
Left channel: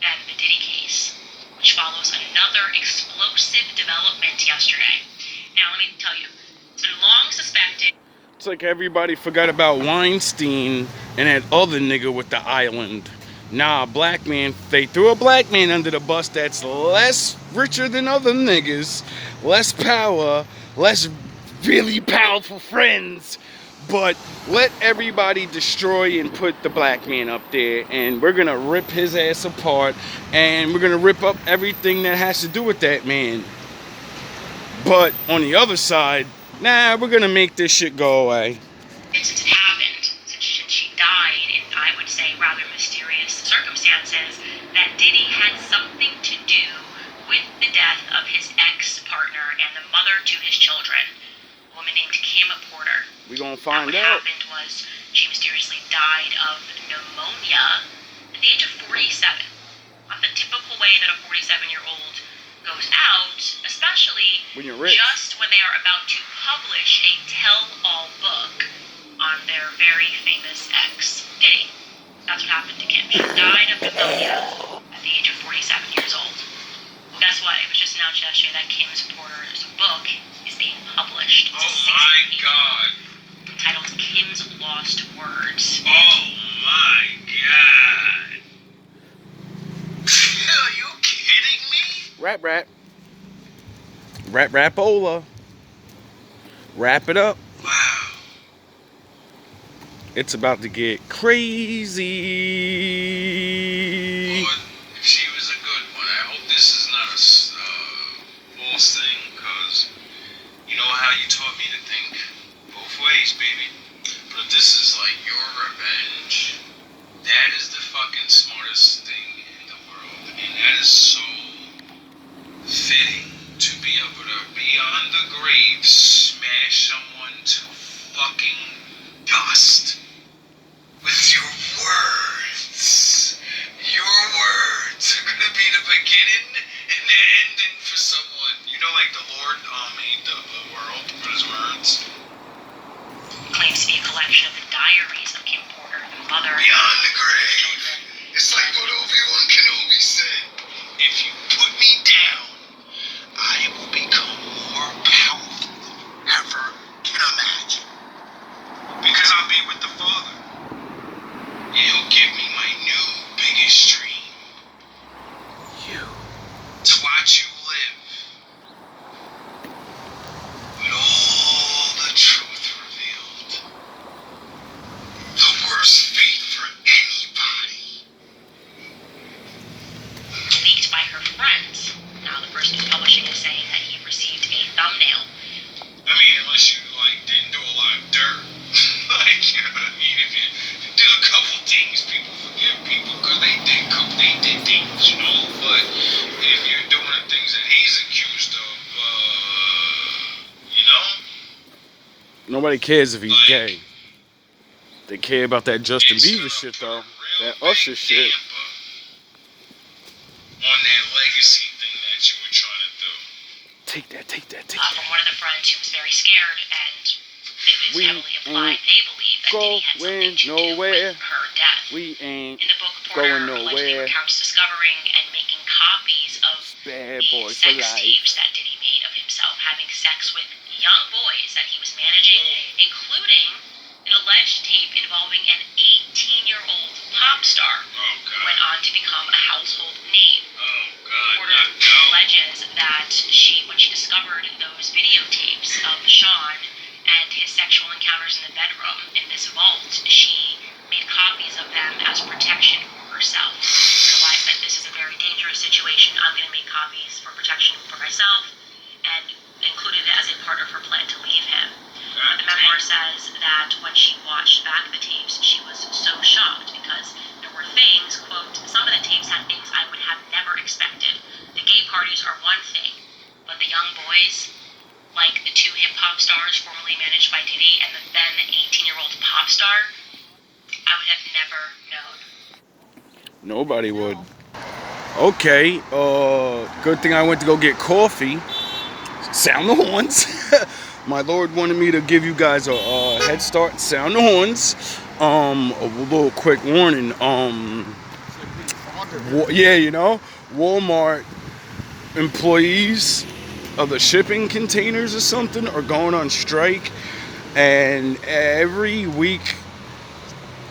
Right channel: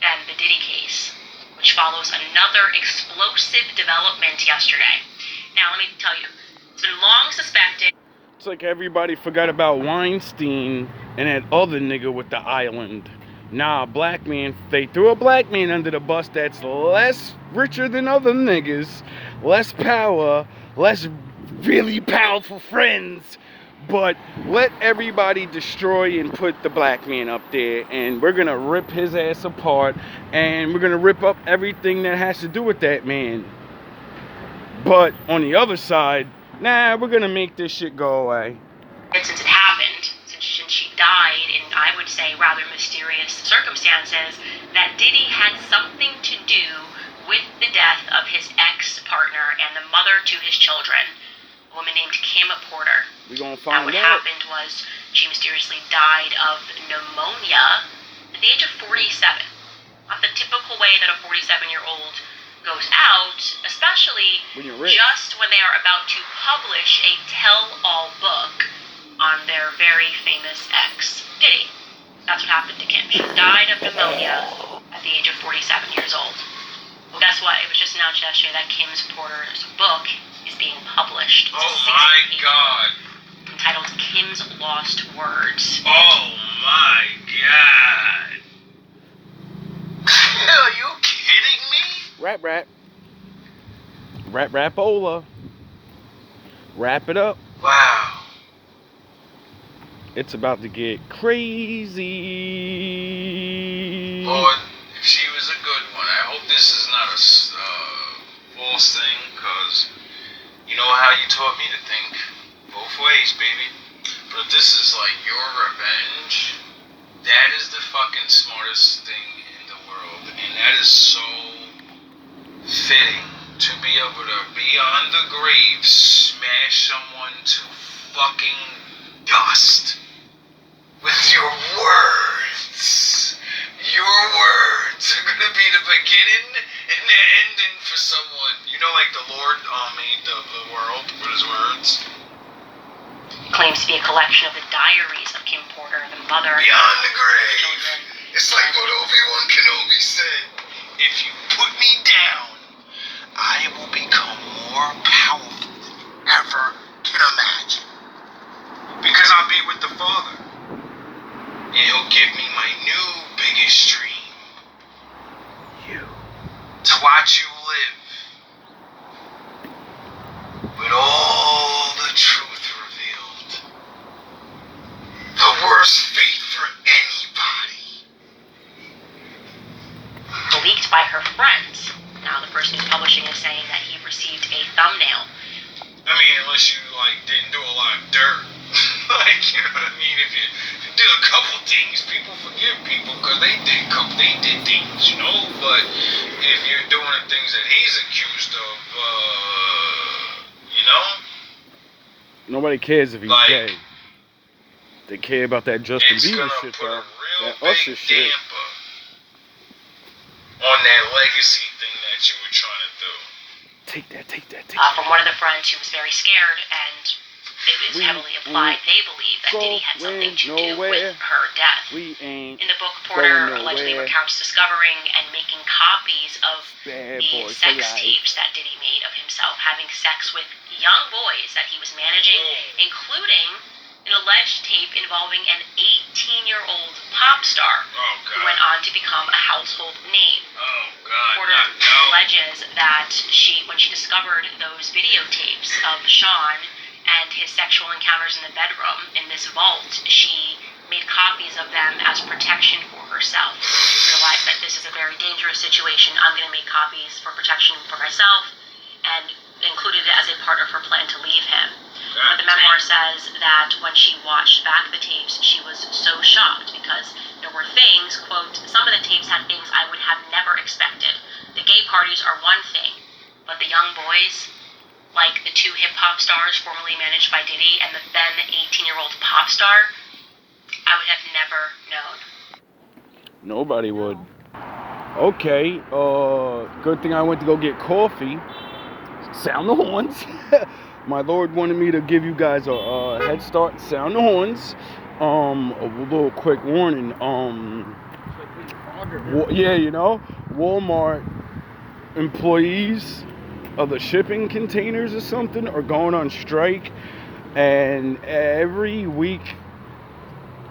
than the Diddy case, which follows another explosive development yesterday. Now, let me tell you, it's been long suspected. It's like everybody forgot about Weinstein and that other nigga with the island. Nah, black man, they threw a black man under the bus that's less richer than other niggas, less power, less really powerful friends. But let everybody destroy and put the black man up there, and we're gonna rip his ass apart, and we're gonna rip up everything that has to do with that man. But on the other side, nah, we're gonna make this shit go away. Since it happened, since she died in, I would say, rather mysterious circumstances, that Diddy had something to do with the death of his ex-partner and the mother to his children, a woman named Kim Porter. We gonna find what out. happened was she mysteriously died of pneumonia at the age of 47. Not the typical way that a 47-year-old goes out, especially when you're rich. Just when they are about to publish a tell-all book on their very famous ex, Diddy. That's what happened to Kim. She died of pneumonia at the age of 47 years old. Well, guess what? It was just announced yesterday that Kim's Porter's book is being published. It's oh my God. Entitled Kim's Lost Words. Oh my God. Are you kidding me? Rap. Rapola. Wrap it up. Wow. It's about to get crazy. Boy, she was a good one. I hope this is not a false thing, because you know how you taught me to think. Both ways, baby. But if this is like your revenge, that is the fucking smartest thing in the world. And that is so fitting to be able to be on the grave, smash someone to fucking dust with your words. Your words are gonna be the beginning and the ending for someone. You know, like the Lord made the world with his words. It claims to be a collection of the diaries of Kim Porter, the mother Beyond the grave. It's like what Obi-Wan Kenobi said. If you put me down, I will become more powerful than you ever can imagine. Because I'll be with the Father. And he'll give me my new biggest dream. You. To watch you live. With all the truth revealed. The worst fate for anybody. Leaked by her friends. Now the person who's publishing is saying that he received a thumbnail. I mean, unless you didn't do a lot of dirt. You know what I mean? If you did a couple things, people forgive people because they did things, you know? But if you're doing the things that he's accused of, you know? Nobody cares if he's gay. They care about that Justin Bieber shit, though. That Usher shit. On that legacy thing that you were trying to do. Take that. From one of the friends who was very scared, and it was heavily implied they believe that Diddy had something to do with her death. In the book, Porter allegedly recounts discovering and making copies of the sex tapes that Diddy made of himself having sex with young boys that he was managing, including an alleged tape involving an 18-year-old pop star who went on to become a household name. Porter alleges that when she discovered those videotapes of Sean and his sexual sexual encounters in the bedroom in this vault, she made copies of them as protection for herself. She realized that this is a very dangerous situation. I'm going to make copies for protection for myself, and included it as a part of her plan to leave him. But the memoir says that when she watched back the tapes, she was so shocked because there were things, quote, some of the tapes had things I would have never expected. The gay parties are one thing, but the young boys, like the two hip-hop stars formerly managed by Diddy and the then 18-year-old pop star, I would have never known. Nobody would. Okay, good thing I went to go get coffee. Sound the horns. My Lord wanted me to give you guys a head start. Sound the horns. A little quick warning. Yeah, you know, Walmart employees of the shipping containers or something are going on strike, and every week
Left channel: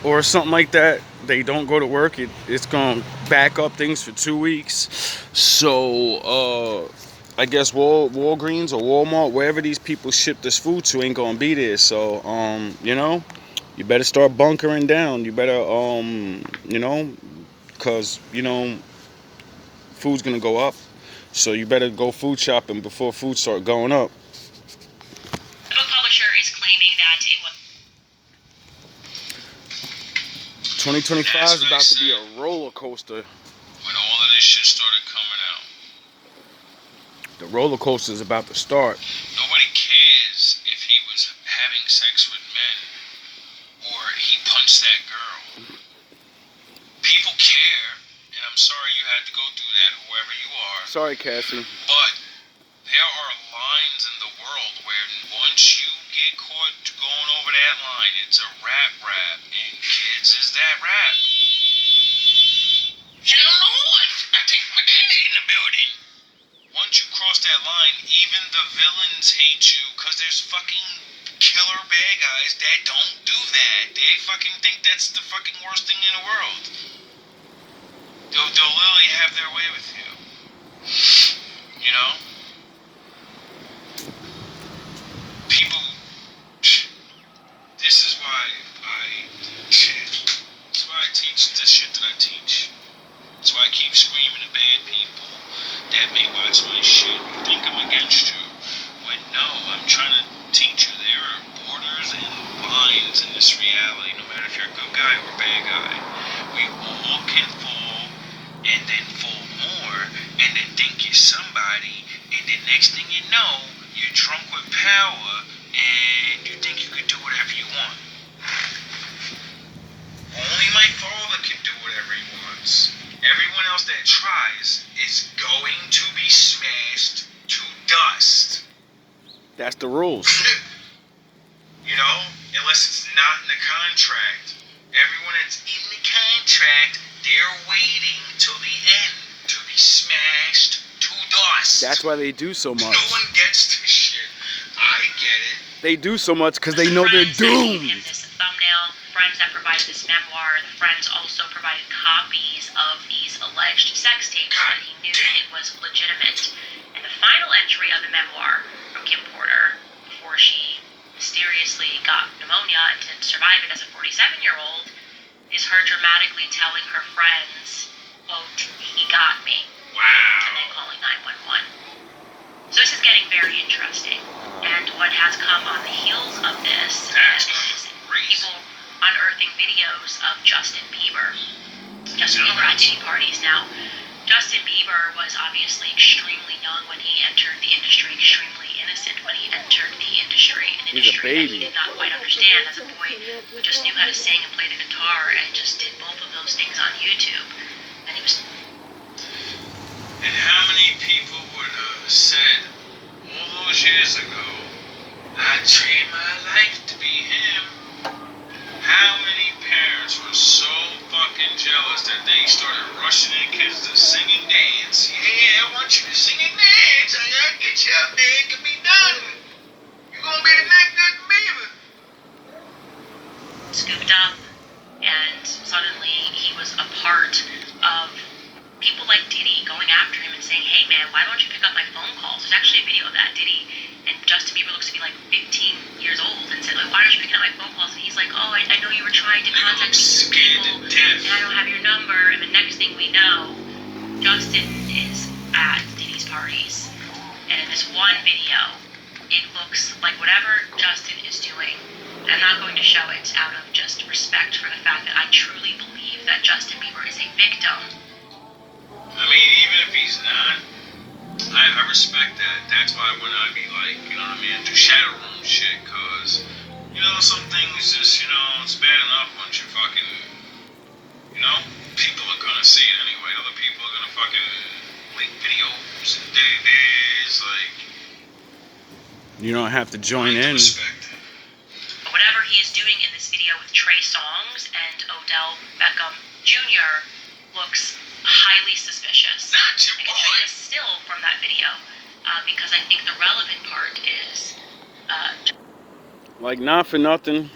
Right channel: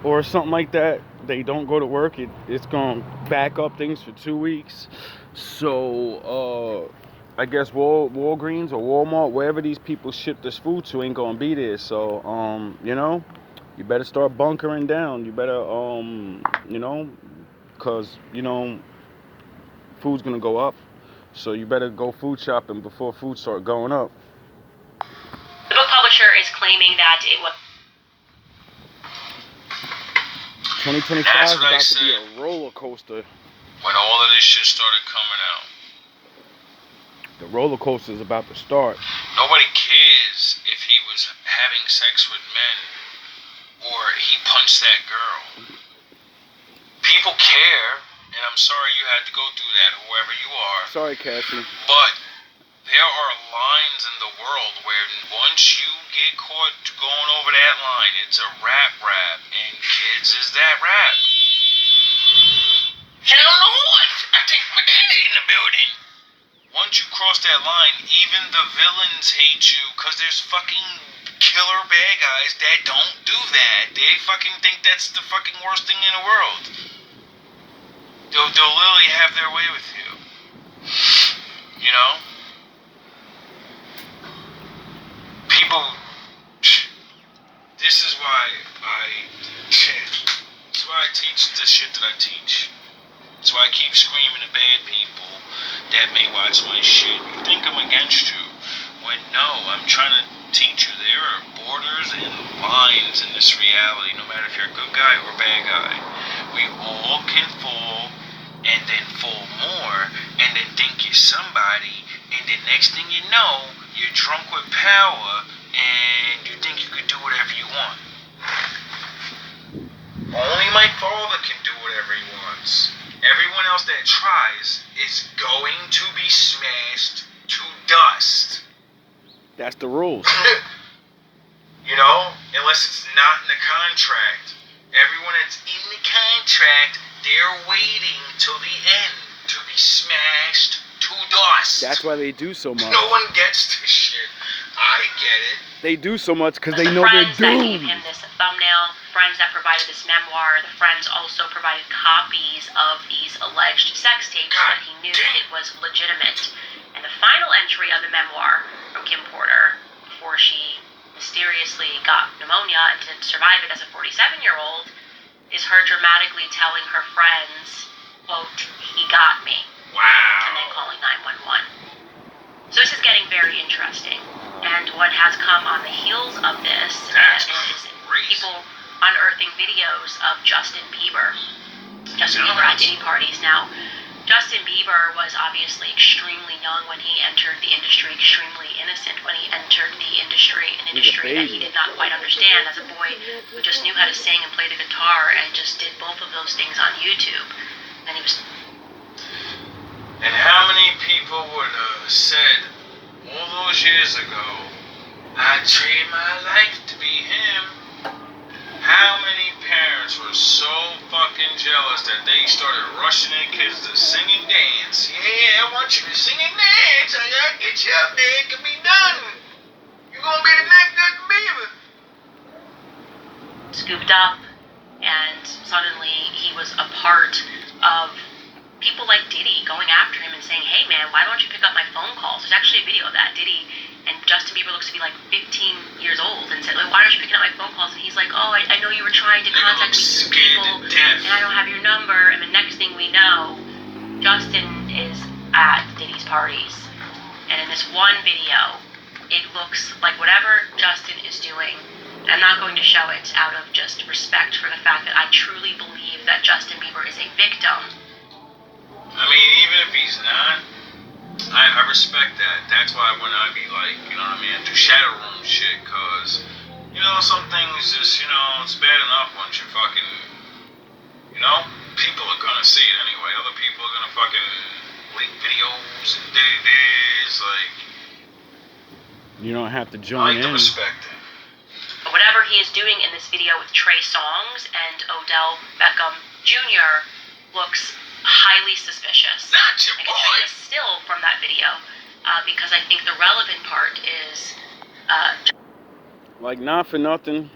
or something like that, they don't go to work. It's going to back up things for 2 weeks. So, I guess Walgreens or Walmart, wherever these people ship this food to, ain't going to be there. So, you know, you better start bunkering down. You better, you know, because, you know, food's going to go up. So you better go food shopping before food start going up. The book publisher is claiming that it was 2025 is about to be a roller coaster. When all of this shit started coming out. The roller coaster is about to start. Nobody cares if he was having sex with men or he punched that girl. People care, and I'm sorry you had to go through that, whoever you are. Sorry, Cassie. But there are lines in the world where once you get caught going over that line, it's a rap, and kids is that rap. Hell no, I think my daddy in the building. Once you cross that line, even the villains hate you, cause there's fucking killer bad guys that don't do that. They fucking think that's the fucking worst thing in the world. They'll literally have their way with you. You know? People, this is why I teach the shit that I teach. That's why I keep screaming at bad people that may watch my shit and think I'm against you. When no, I'm trying to teach you there are borders and lines in this reality, no matter if you're a good guy or a bad guy. We all can fall and then fall more and then think you're somebody, and the next thing you know, you're drunk with power and you think you can do whatever you want. Only my father can do whatever he wants. Everyone else that tries is going to be smashed to dust. That's the rules. You know, unless it's not in the contract. Everyone that's in the contract, they're waiting till the end to be smashed to dust. That's why they do so much. No one gets this shit. I get it. They do so much because they know they're doomed. In this thumbnail, friends that provided this memoir, the friends also provided copies of these alleged sex tapes that he knew it was legitimate. And the final entry of the memoir from Kim Porter, before she mysteriously got pneumonia and didn't survive it as a 47-year-old, is her dramatically telling her friends, quote, "He got me." Wow. And then calling 911. So this is getting very interesting. And what has come on the heels of this is people unearthing videos of Justin Bieber. Justin Bieber at Diddy parties. Now, Justin Bieber was obviously extremely young when he entered the industry, extremely innocent when he entered the industry, an industry that he did not quite understand as a boy who just knew how to sing and play the guitar and just did both of those things on YouTube. And he was... And how many people would have said all those years ago, I'd trade my life to be him? How many parents were so fucking jealous that they started rushing their kids to sing and dance? Yeah, I want you to sing and dance. I gotta get you up there. It can be done. You're gonna be the next Justin Bieber. Scooped up, and suddenly he was a part of people like Diddy going after him and saying, "Hey man, why don't you pick up my phone calls?" There's actually a video of that. Diddy and Justin Bieber looks to be like 15 years old and said, like, why aren't you picking up my phone calls? And he's like, oh, I know you were trying to contact me through people, and I don't have your number. And the next thing we know, Justin is at Diddy's parties. And in this one video, it looks like whatever Justin is doing, I'm not going to show it out of just respect for the fact that I truly believe that Justin Bieber is a victim. I mean, even if he's not, I respect that. That's why when I be like, you know what I mean, do shadow room shit, cause, you know, some things just, you know, it's bad enough once you fucking, you know, people are gonna see it anyway. Other people are gonna fucking leak videos and this, like. You don't have to join in. Respect it. Whatever he is doing in this video with Trey Songz and Odell Beckham Jr. looks highly suspicious. Not your I can boy. show you a still from that video because I think the relevant part is Like, not for nothing.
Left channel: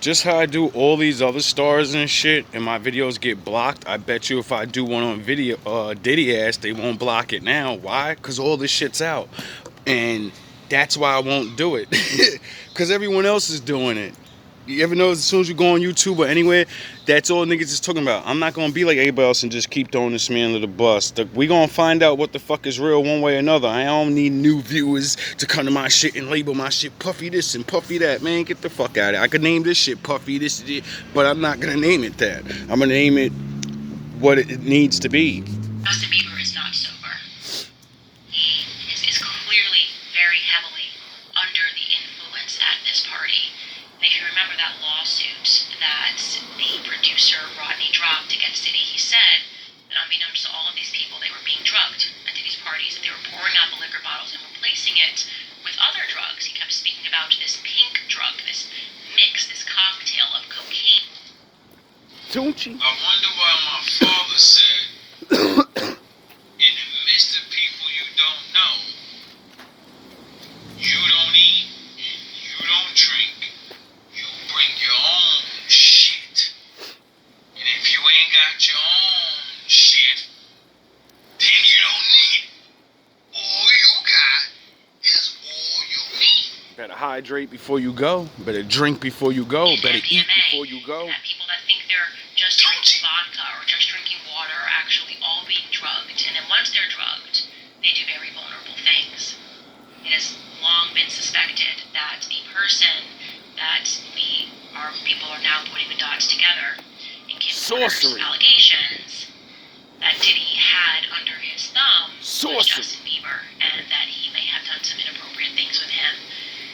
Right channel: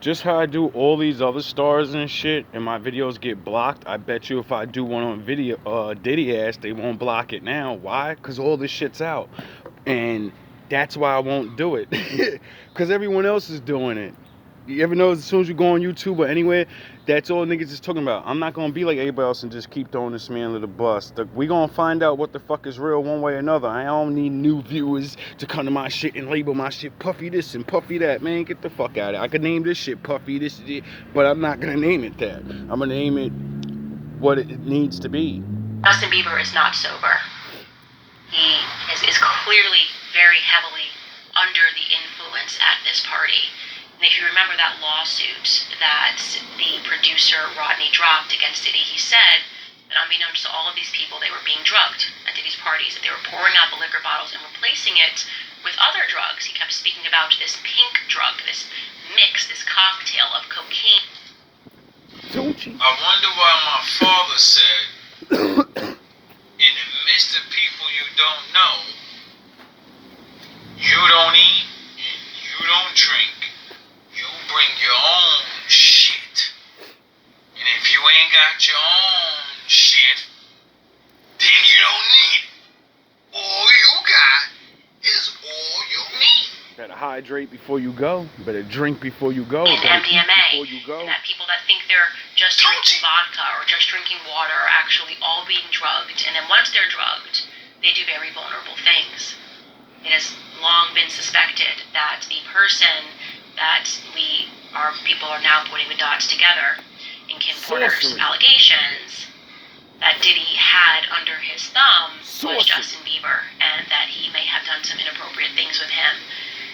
Just how I do all these other stars and shit, and my videos get blocked. I bet you if I do one on video, Diddy ass, they won't block it now. Why? Because all this shit's out, and that's why I won't do it. Because everyone else is doing it. You ever notice as soon as you go on YouTube or anywhere, that's all niggas is talking about. I'm not gonna be like everybody else and just keep throwing this man under the bus. We gonna find out what the fuck is real one way or another. I don't need new viewers to come to my shit and label my shit Puffy this and Puffy that. Man, get the fuck out of it. I could name this shit Puffy this, but I'm not gonna name it that. I'm gonna name it what it needs to be. Justin Bieber is not sober. He is clearly very heavily under the influence at this party. And if you remember that lawsuit that the producer Rodney dropped against Diddy, he said that unbeknownst to all of these people, they were being drugged at Diddy's parties, that they were pouring out the liquor bottles and replacing it with other drugs. He kept speaking about this pink drug, this mix, this cocktail of cocaine. Don't you? I wonder why my father said, in the midst of people you don't know, you don't eat and you don't drink. You bring your own shit. And if you ain't got your own shit, then you don't need it. All you got is all you need. Better hydrate before you go. Better drink before you go. And Better eat MDMA, before you go. that people that think they're just drinking vodka or just drinking water are actually all being drugged. And then once they're drugged, they do very vulnerable things. It has long been suspected that the person that people are now putting the dots together in Kim Porter's allegations that Diddy had under his thumb was Justin Bieber, and that he may have done some inappropriate things with him.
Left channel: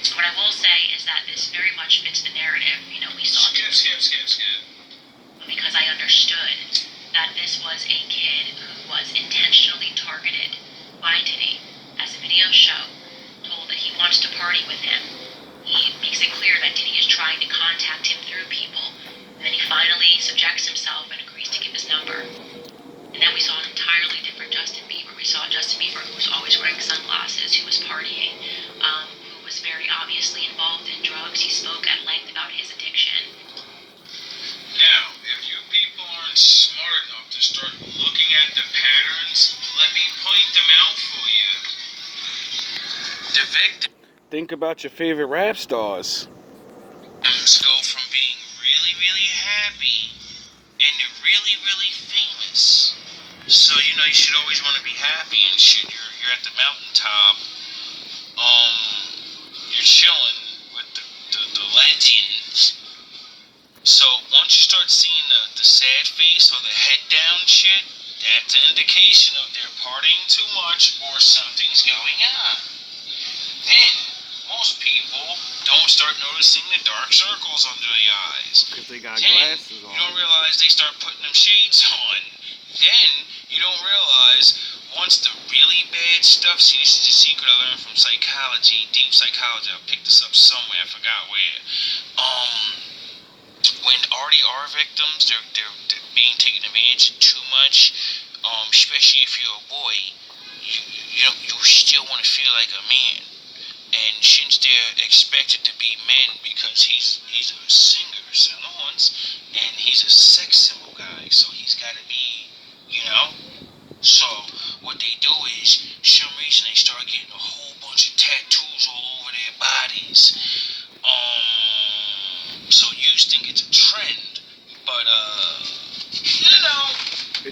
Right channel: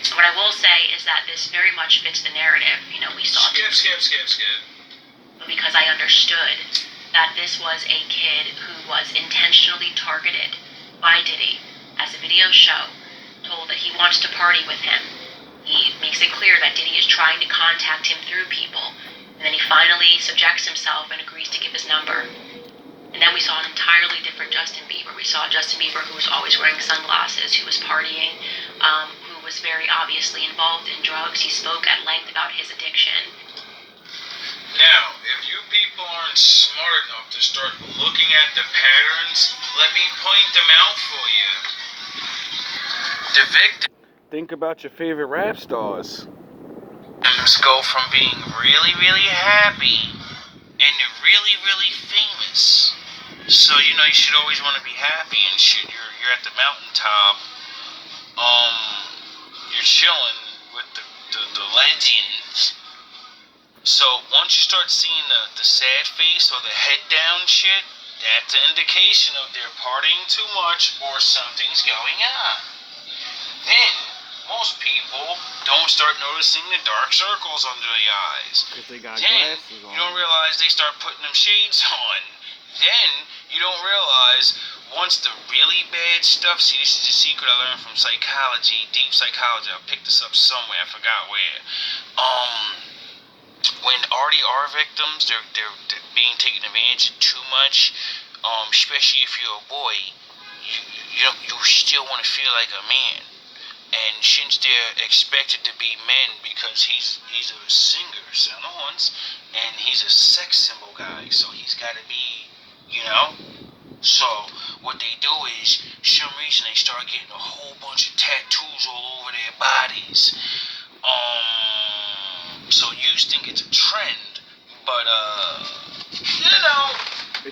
So what I will say is that this very much fits the narrative. You know, we saw Skip. because I understood that this was a kid who was intentionally targeted by Diddy, as the video show, told that he wants to party with him. He makes it clear that Diddy is trying to contact him through people, and then he finally subjects himself and agrees to give his number. And then we saw an entirely different Justin Bieber. We saw Justin Bieber who was always wearing sunglasses, who was partying, who was very obviously involved in drugs. He spoke at length about his addiction. Now, if you people aren't smart enough to start looking at the patterns, let me point them out for you. The victims Think about your favorite rap stars. go from being really, really happy and to really, really famous. So, you know, you should always want to be happy and shit. You're at the mountaintop. You're chilling with the legends. So once you start seeing the sad face or the head down shit, that's an indication of they're partying too much or something's going on. Then most people don't start noticing the dark circles under their eyes. Because they got Then glasses on. you don't realize they start putting them shades on. Then you don't realize once the really bad stuff, see, this is a secret I learned from psychology, deep psychology. I picked this up somewhere, I forgot where. When RDR victims, they're being taken advantage of too much, especially if you're a boy, you still want to feel like a man. And since they're expected to be men because he's a singer, son of Owens, and he's a sex symbol guy, so he's got to be, you know. So what they do is, some reason they start getting a whole bunch of tattoos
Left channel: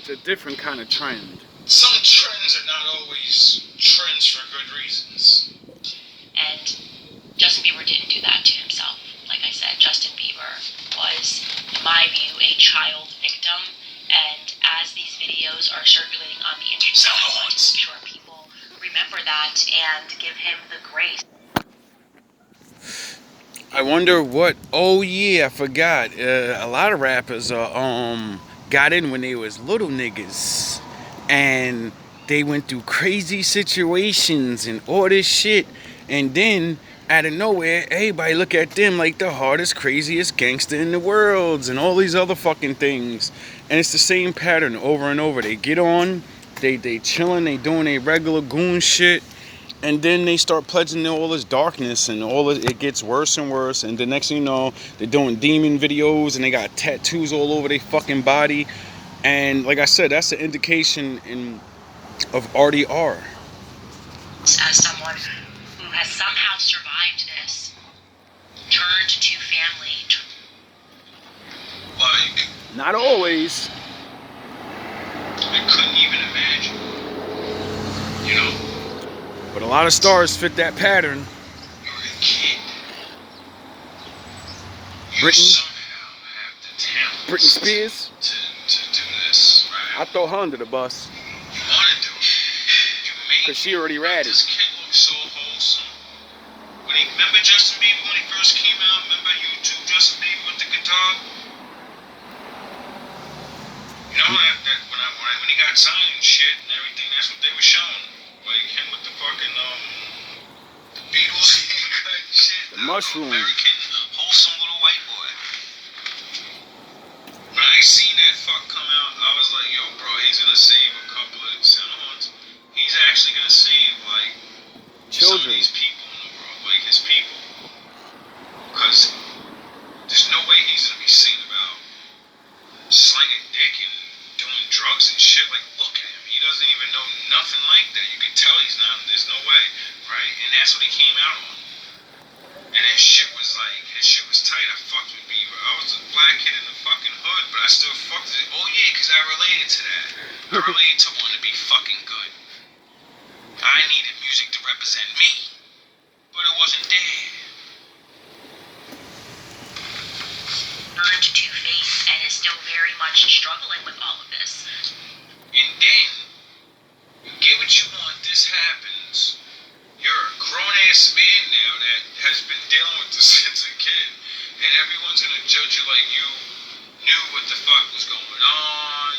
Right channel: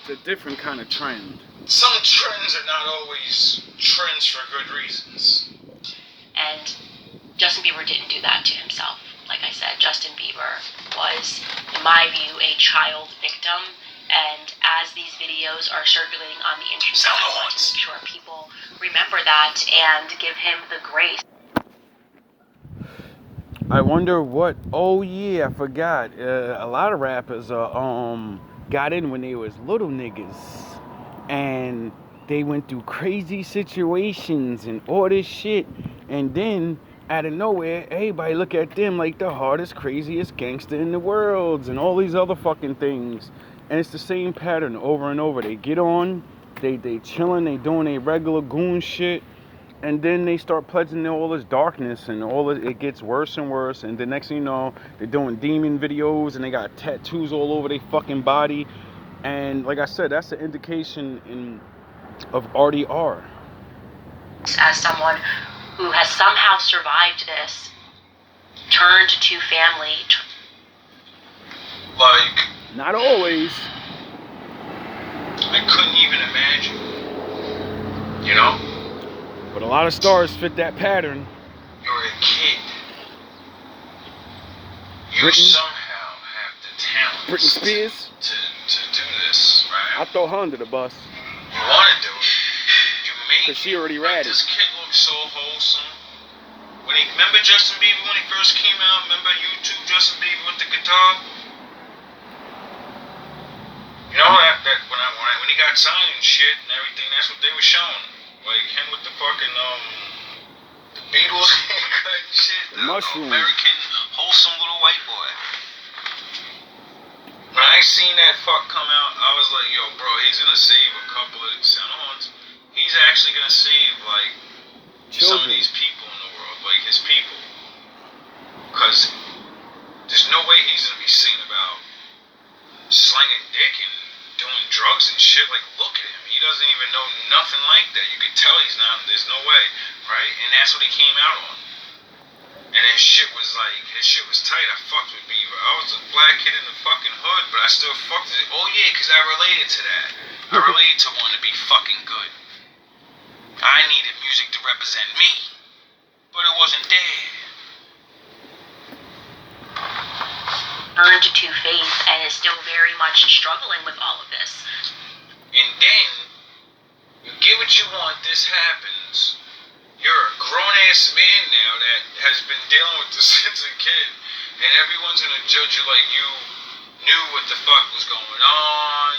It's a different kind of trend. Some trends are not always trends for good reasons. And Justin Bieber didn't do that to himself. Like I said, Justin Bieber was, in my view, a child victim. And as these videos are circulating on the internet, I want to make sure people remember that and give him the grace. I wonder what. Oh yeah, I forgot. A lot of rappers got in when they was little niggas, and they went through crazy situations and all this shit, and then out of nowhere, everybody look at them like the hardest, craziest gangster in the world, and all these other fucking things. And it's the same pattern over and over. They get on, they chilling, they doing their regular goon shit. And then they start pledging all this darkness, and it gets worse and worse. And the next thing you know, they're doing demon videos, and they got tattoos all over their fucking body. And like I said, that's an indication of RDR. As someone who has somehow survived this, turned to family. Like, Not always. I couldn't even imagine. You know? But a lot of stars fit that pattern. You're a kid. You Britney? somehow have the talent. Britney Spears? To do this, right? I throw her under the bus. You want to do it. You made 'Cause she already ratted. This kid looks so wholesome. Remember Justin Bieber when he first came out? Remember YouTube Justin Bieber with the guitar? You know that when he got signed and shit and everything, that's what they were showing. Like him with the fucking Beatles cut and shit. The mushroom. American wholesome little white boy. When I seen that fuck come out, I was like, yo, bro, he's gonna save a couple of Senhorns. He's actually gonna save like some of these people in the world, like his people. Cause there's no way he's gonna be singing about slinging dick and doing drugs and shit. Like, look at him. He doesn't even know nothing like that. You can tell he's not. There's no way, right? And that's what he came out on. And his shit was tight. I fucked with Bieber. I was a black kid in the fucking hood, but I still fucked with it. Oh yeah, because I related to that. I related to wanting to be fucking good. I needed music to represent me, but it wasn't there. Earned to faith and is still very much struggling with all of this. And then, you get what you want, this happens. You're a grown-ass man now that has been dealing with this since a kid, and everyone's gonna judge you like you knew what the fuck was going on.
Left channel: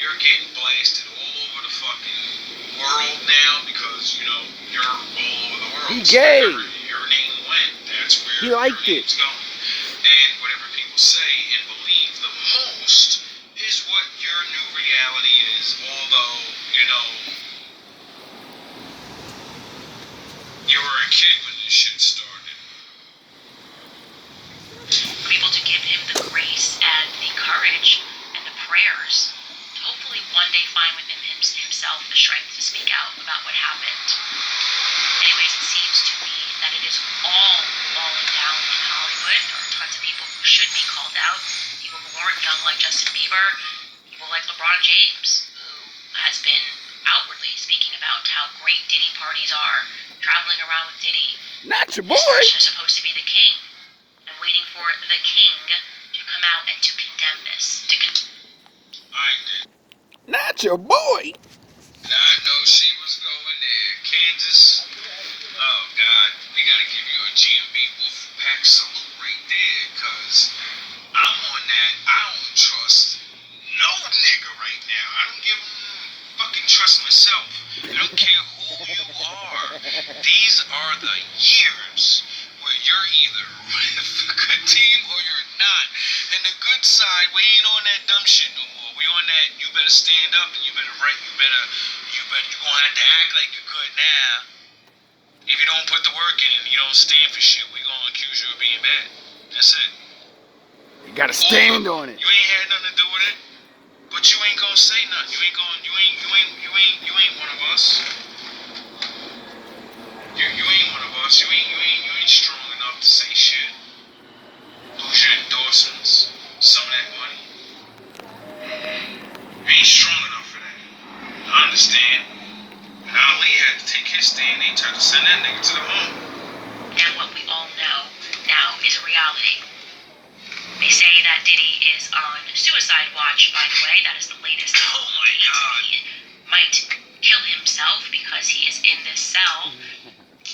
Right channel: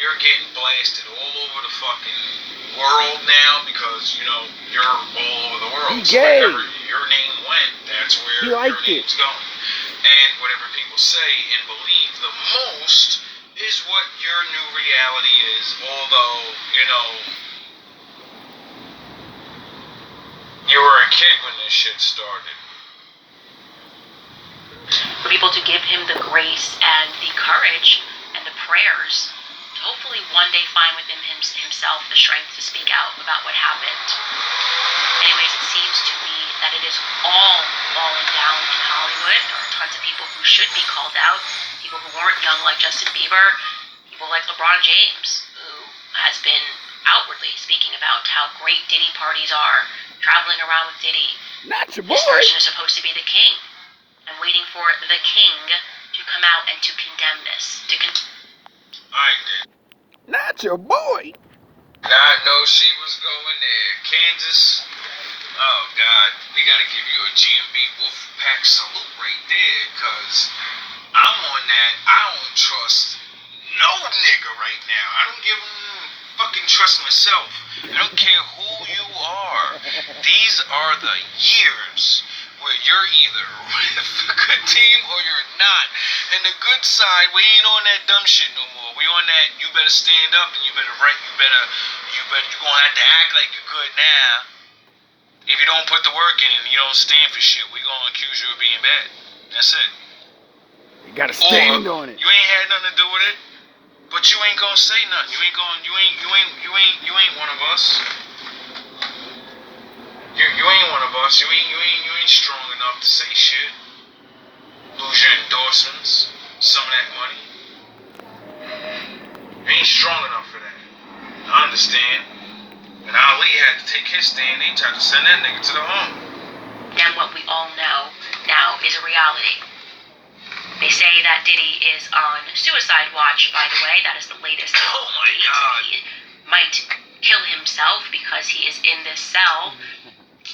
You're getting blasted all over the fucking world now because, you know, you're all over the world. He gay. So wherever your name went, that's where He your liked name's it. going. And whatever people say and believe the most is what your new reality is, although, you know, you were a kid when this shit started. For people to give him the grace and the courage and the prayers to hopefully one day find within himself the strength to speak out about what happened. Anyways, it seems to me that it is all falling down in Hollywood. There are tons of people who should be called out, people who weren't young like Justin Bieber, people like LeBron James, who has been outwardly speaking about how great Diddy parties are, traveling around with Diddy. Not your boy. This person is supposed to be the king. I'm waiting for the king to come out and to condemn this. I did. Not your boy. I know she was going there. Kansas. Oh, God. We got to give you a GMB Wolfpack salute right there, because I'm on that. I don't trust no nigga right now. I don't give fucking trust myself. I don't care who you are. These are the years where you're either with a good team or you're not. And the good side, we ain't on that dumb shit no more. We on that, you better stand up and you better you're gonna have to act like you're good now. If you don't put the work in and you don't stand for shit, we gonna accuse you of being bad. That's it. You gotta stand on it. You ain't had nothing to do with it, but you ain't gonna say nothing. You ain't one of us. You ain't one of us. You ain't strong enough to say shit. Lose your endorsements, some of that money. You ain't strong They say that Diddy is on suicide watch, by the way. That is the latest. Oh my God. He might kill himself because he is in this cell.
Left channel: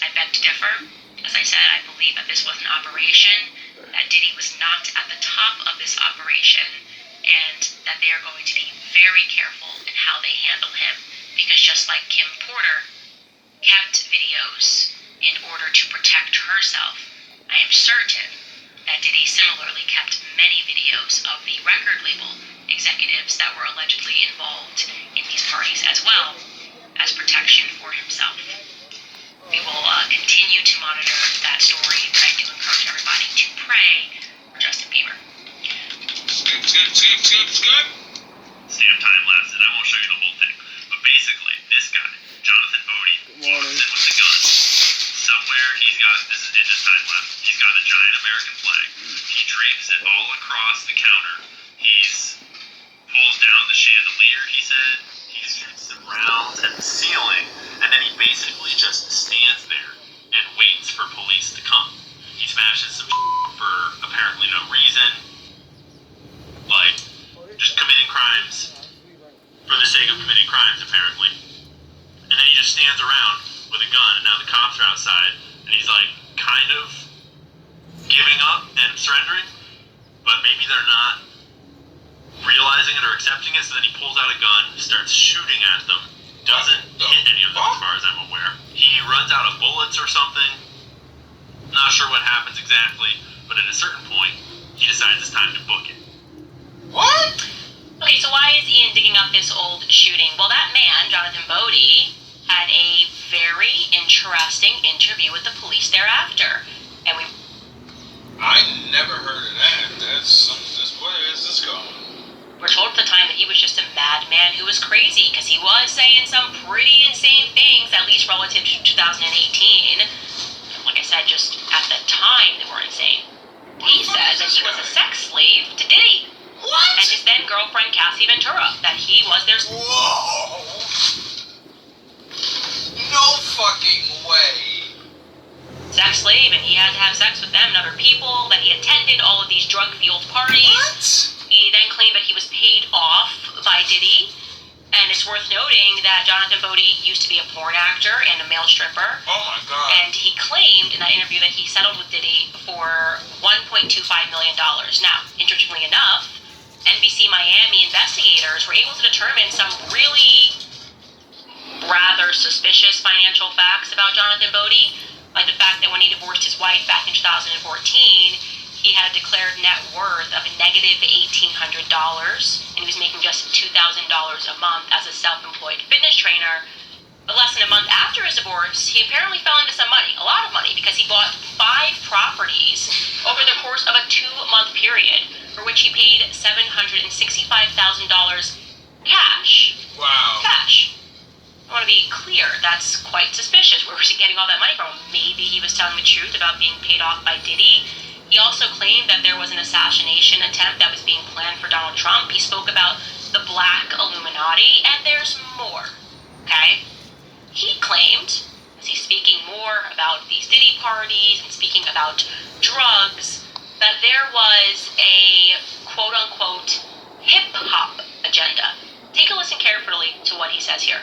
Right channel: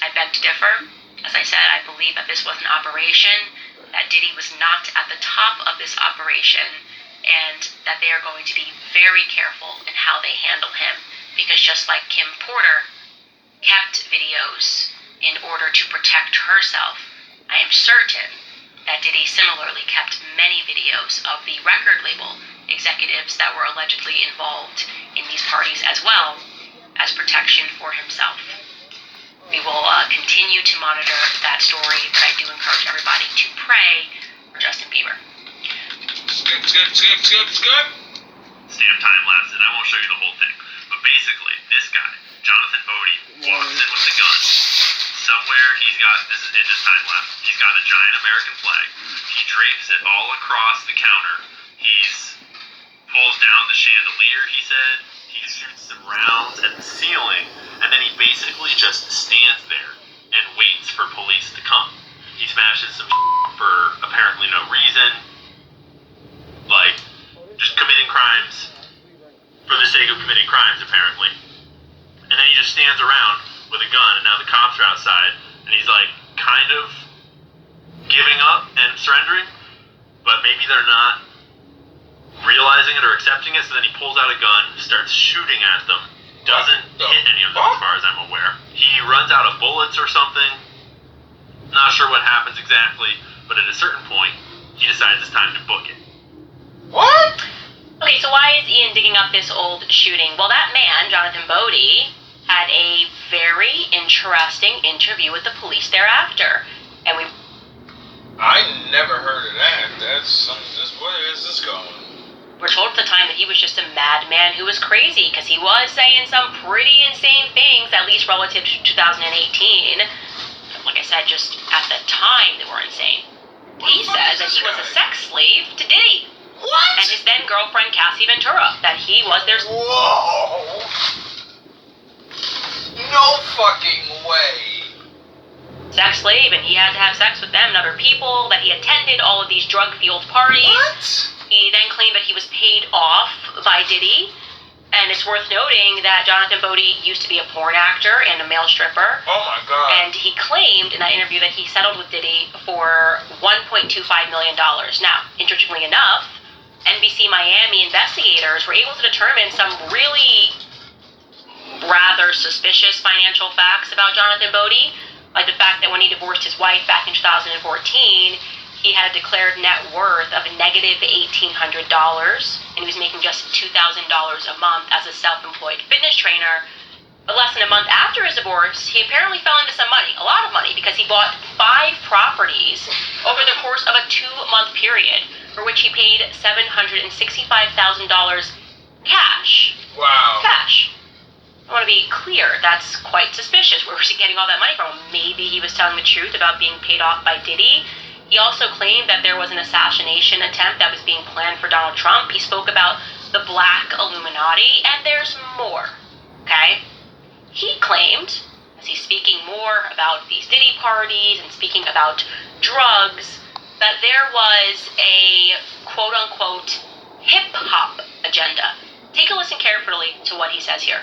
I beg to differ. As I said, I believe that this was an operation, that Diddy was not at the top of this operation, and that they are going to be very careful in how they handle him. Because just like Kim Porter kept videos in order to protect herself, I am certain that Diddy similarly kept many videos of the record label executives that were allegedly involved in these parties as well as protection for himself. We will continue to monitor that story, but I do encourage everybody to pray for Justin Bieber. Skip. See if time lapse, and I won't show you the whole thing. But basically, this guy, Jonathan Bodie, walks in with a gun. Somewhere he's got, this is in his time lapse, he's got a giant American flag. He drapes it all across the counter. He's pulls down the chandelier, he said. He shoots some rounds at the ceiling. And then he basically just stands there and waits for police to come. He smashes some for apparently no reason. Like, just committing crimes for the sake of committing crimes, apparently. And then he just stands around with a gun, and now the cops are outside, and he's like, kind of giving up and surrendering, but maybe they're not realizing it or accepting it, so then he pulls out a gun, starts shooting at them, doesn't hit any of them as far as I'm aware. He runs out of bullets or something, not sure what happens exactly, but at a certain point, he decides it's time to book it. What? Okay, so why is Ian digging up this old shooting? Well, that man, Jonathan Bodie, had a very interesting interview with the police thereafter. And I never heard of that. That's something. Where is this going? we're told at the time that he was just a madman who was crazy, because he was saying some pretty insane things, at least relative to 2018. Like I said, just at the time they were insane. He says that he was a sex slave to Diddy. What? And his then girlfriend Cassie Ventura, that he was their... Whoa! No fucking way. sex slave, and he had to have sex with them and other people, that he attended all of these drug-fueled parties. What? He then claimed that he was paid off by Diddy, and it's worth noting that Jonathan Bodie used to be a porn actor and a male stripper. Oh my God. And he claimed in that interview that he settled with Diddy for $1.25 million. Now, interestingly enough, NBC Miami investigators were able to determine some really rather suspicious financial facts about Jonathan Bodie, like the fact that when he divorced his wife back in 2014, he had a declared net worth of negative $1,800, and he was making just $2,000 a month as a self-employed fitness trainer. But less than a month after his divorce, he apparently fell into some money, a lot of money, because he bought 5 properties over the course of a 2-month period, for which he paid $765,000 cash. Wow. Cash. I want to be clear, that's quite suspicious. Where was he getting all that money from? Maybe he was telling the truth about being paid off by Diddy. He also claimed that there was an assassination attempt that was being planned for Donald Trump. He spoke about the Black Illuminati, and there's more, okay? He claimed, as he's speaking more about these Diddy parties and speaking about drugs, that there was a quote-unquote hip-hop agenda. Take a listen carefully to what he says here.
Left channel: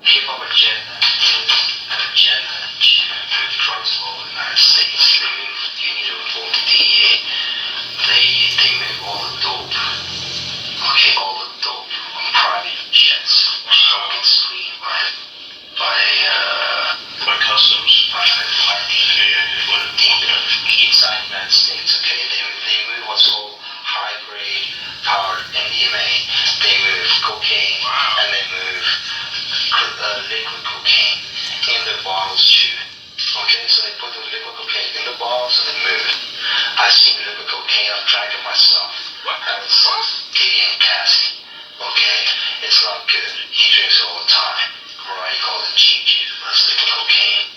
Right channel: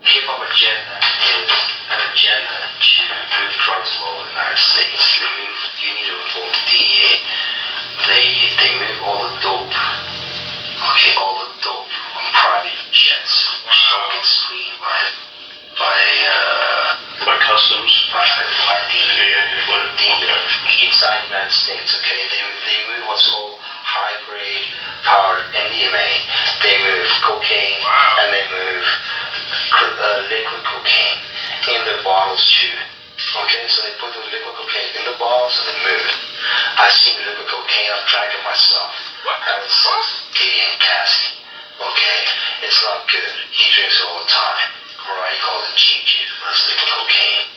Hip-hop agenda is an agenda to move drugs law in the United States. You need to report to DEA. They move all the dope, on private jets. Don't get screened by customs, inside the United States. Okay, they move what's called high-grade powered MDMA. They move cocaine, and they move liquid cocaine in the bottles too. Okay, so they put the liquid cocaine in the bottles and they move it. I've seen the liquid cocaine, I've drank it myself. I was Diddy and Cassie. Okay, it's not good. He drinks it all the time. Right, he calls it cheap juice, but it's liquid cocaine.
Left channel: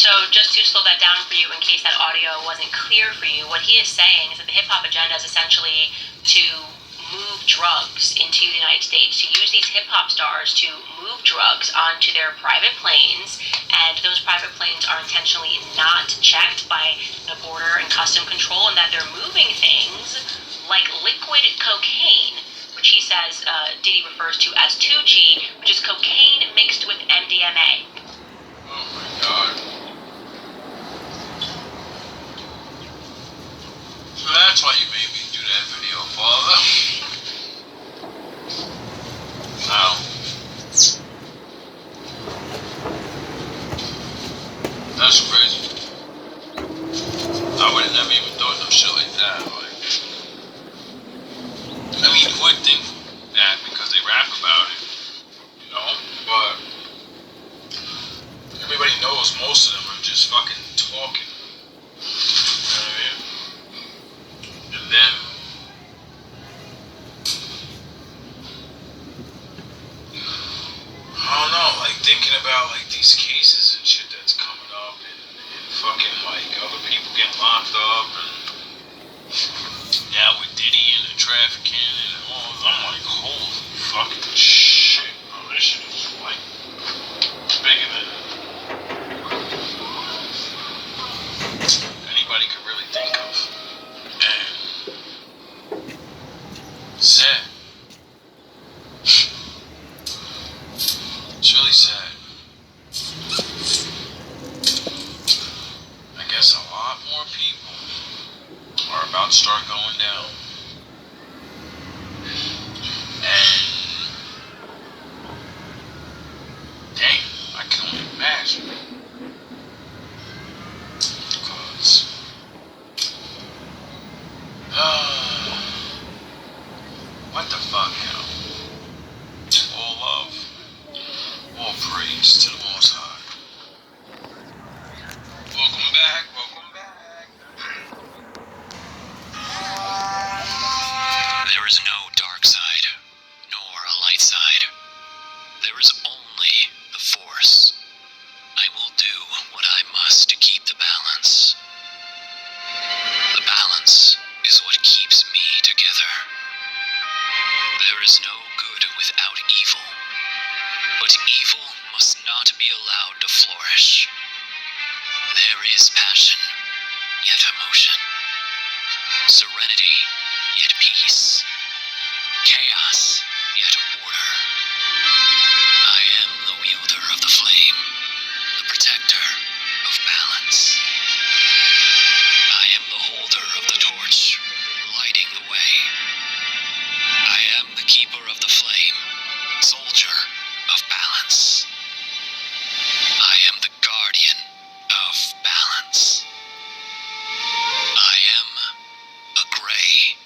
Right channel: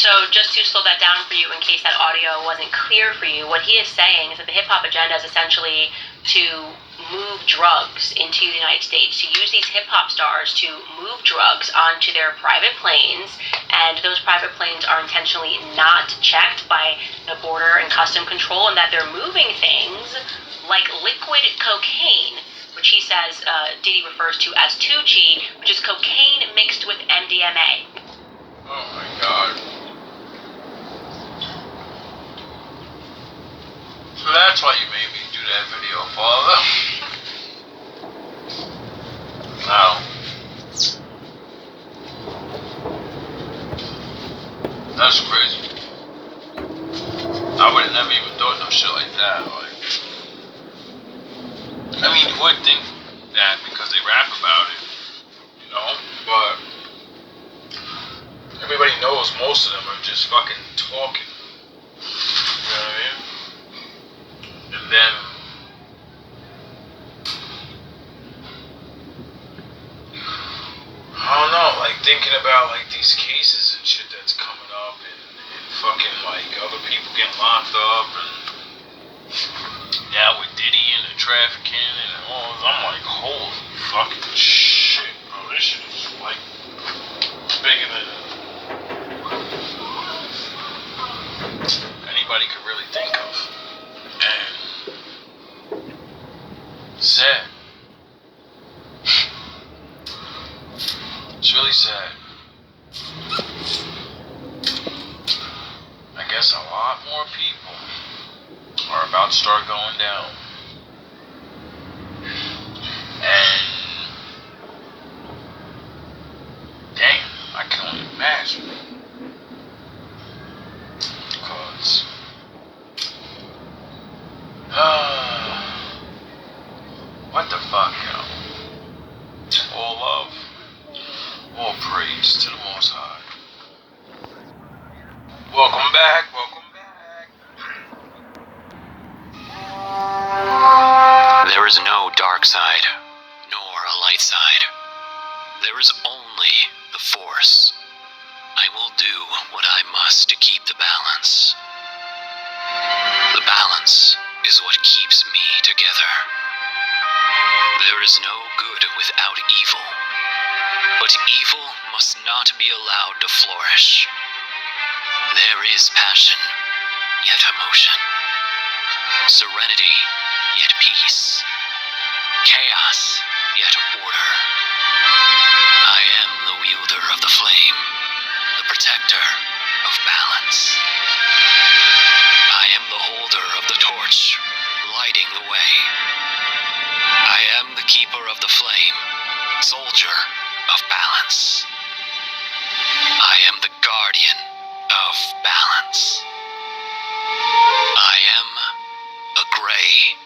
So just to slow that down for you in case that audio wasn't clear for you, what he is saying is that the hip-hop agenda is essentially to move drugs into the United States, to use these hip-hop stars to move drugs onto their private planes, and those private planes are intentionally not checked by the Border and Custom Control, and that they're moving things like liquid cocaine, which he says Diddy refers to as 2G, which is cocaine mixed with MDMA. Oh my God. So that's why you made me do that video, Father. Now, that's crazy. I would have never even thought no shit like that. Like, I mean, you would think that because they rap about it, you know, but everybody knows most of them are just fucking talking. You know what I mean? And then I don't know, like thinking about like these cases and shit that's coming up and fucking like other people getting locked up and now with Diddy and the trafficking and all, I'm like, holy fucking shit, bro. This shit is like bigger than anybody could really think of. And sad. It's really sad. I guess a lot more people are about to start going down. And dang, I can only imagine. Because what the fuck, yo? All love, all praise to the Most High. Welcome back, welcome back. There is no dark side, nor a light side. There is only the Force. I will do what I must to keep the balance. The balance is what keeps me together. There is no good without evil, but evil must not be allowed to flourish. There is passion, yet emotion. Serenity, yet peace. Chaos, yet order. I am the wielder of the flame, the protector of balance. I am the holder of the torch, lighting the way. I am the keeper of the flame, soldier of balance. I am the guardian of balance. I am a gray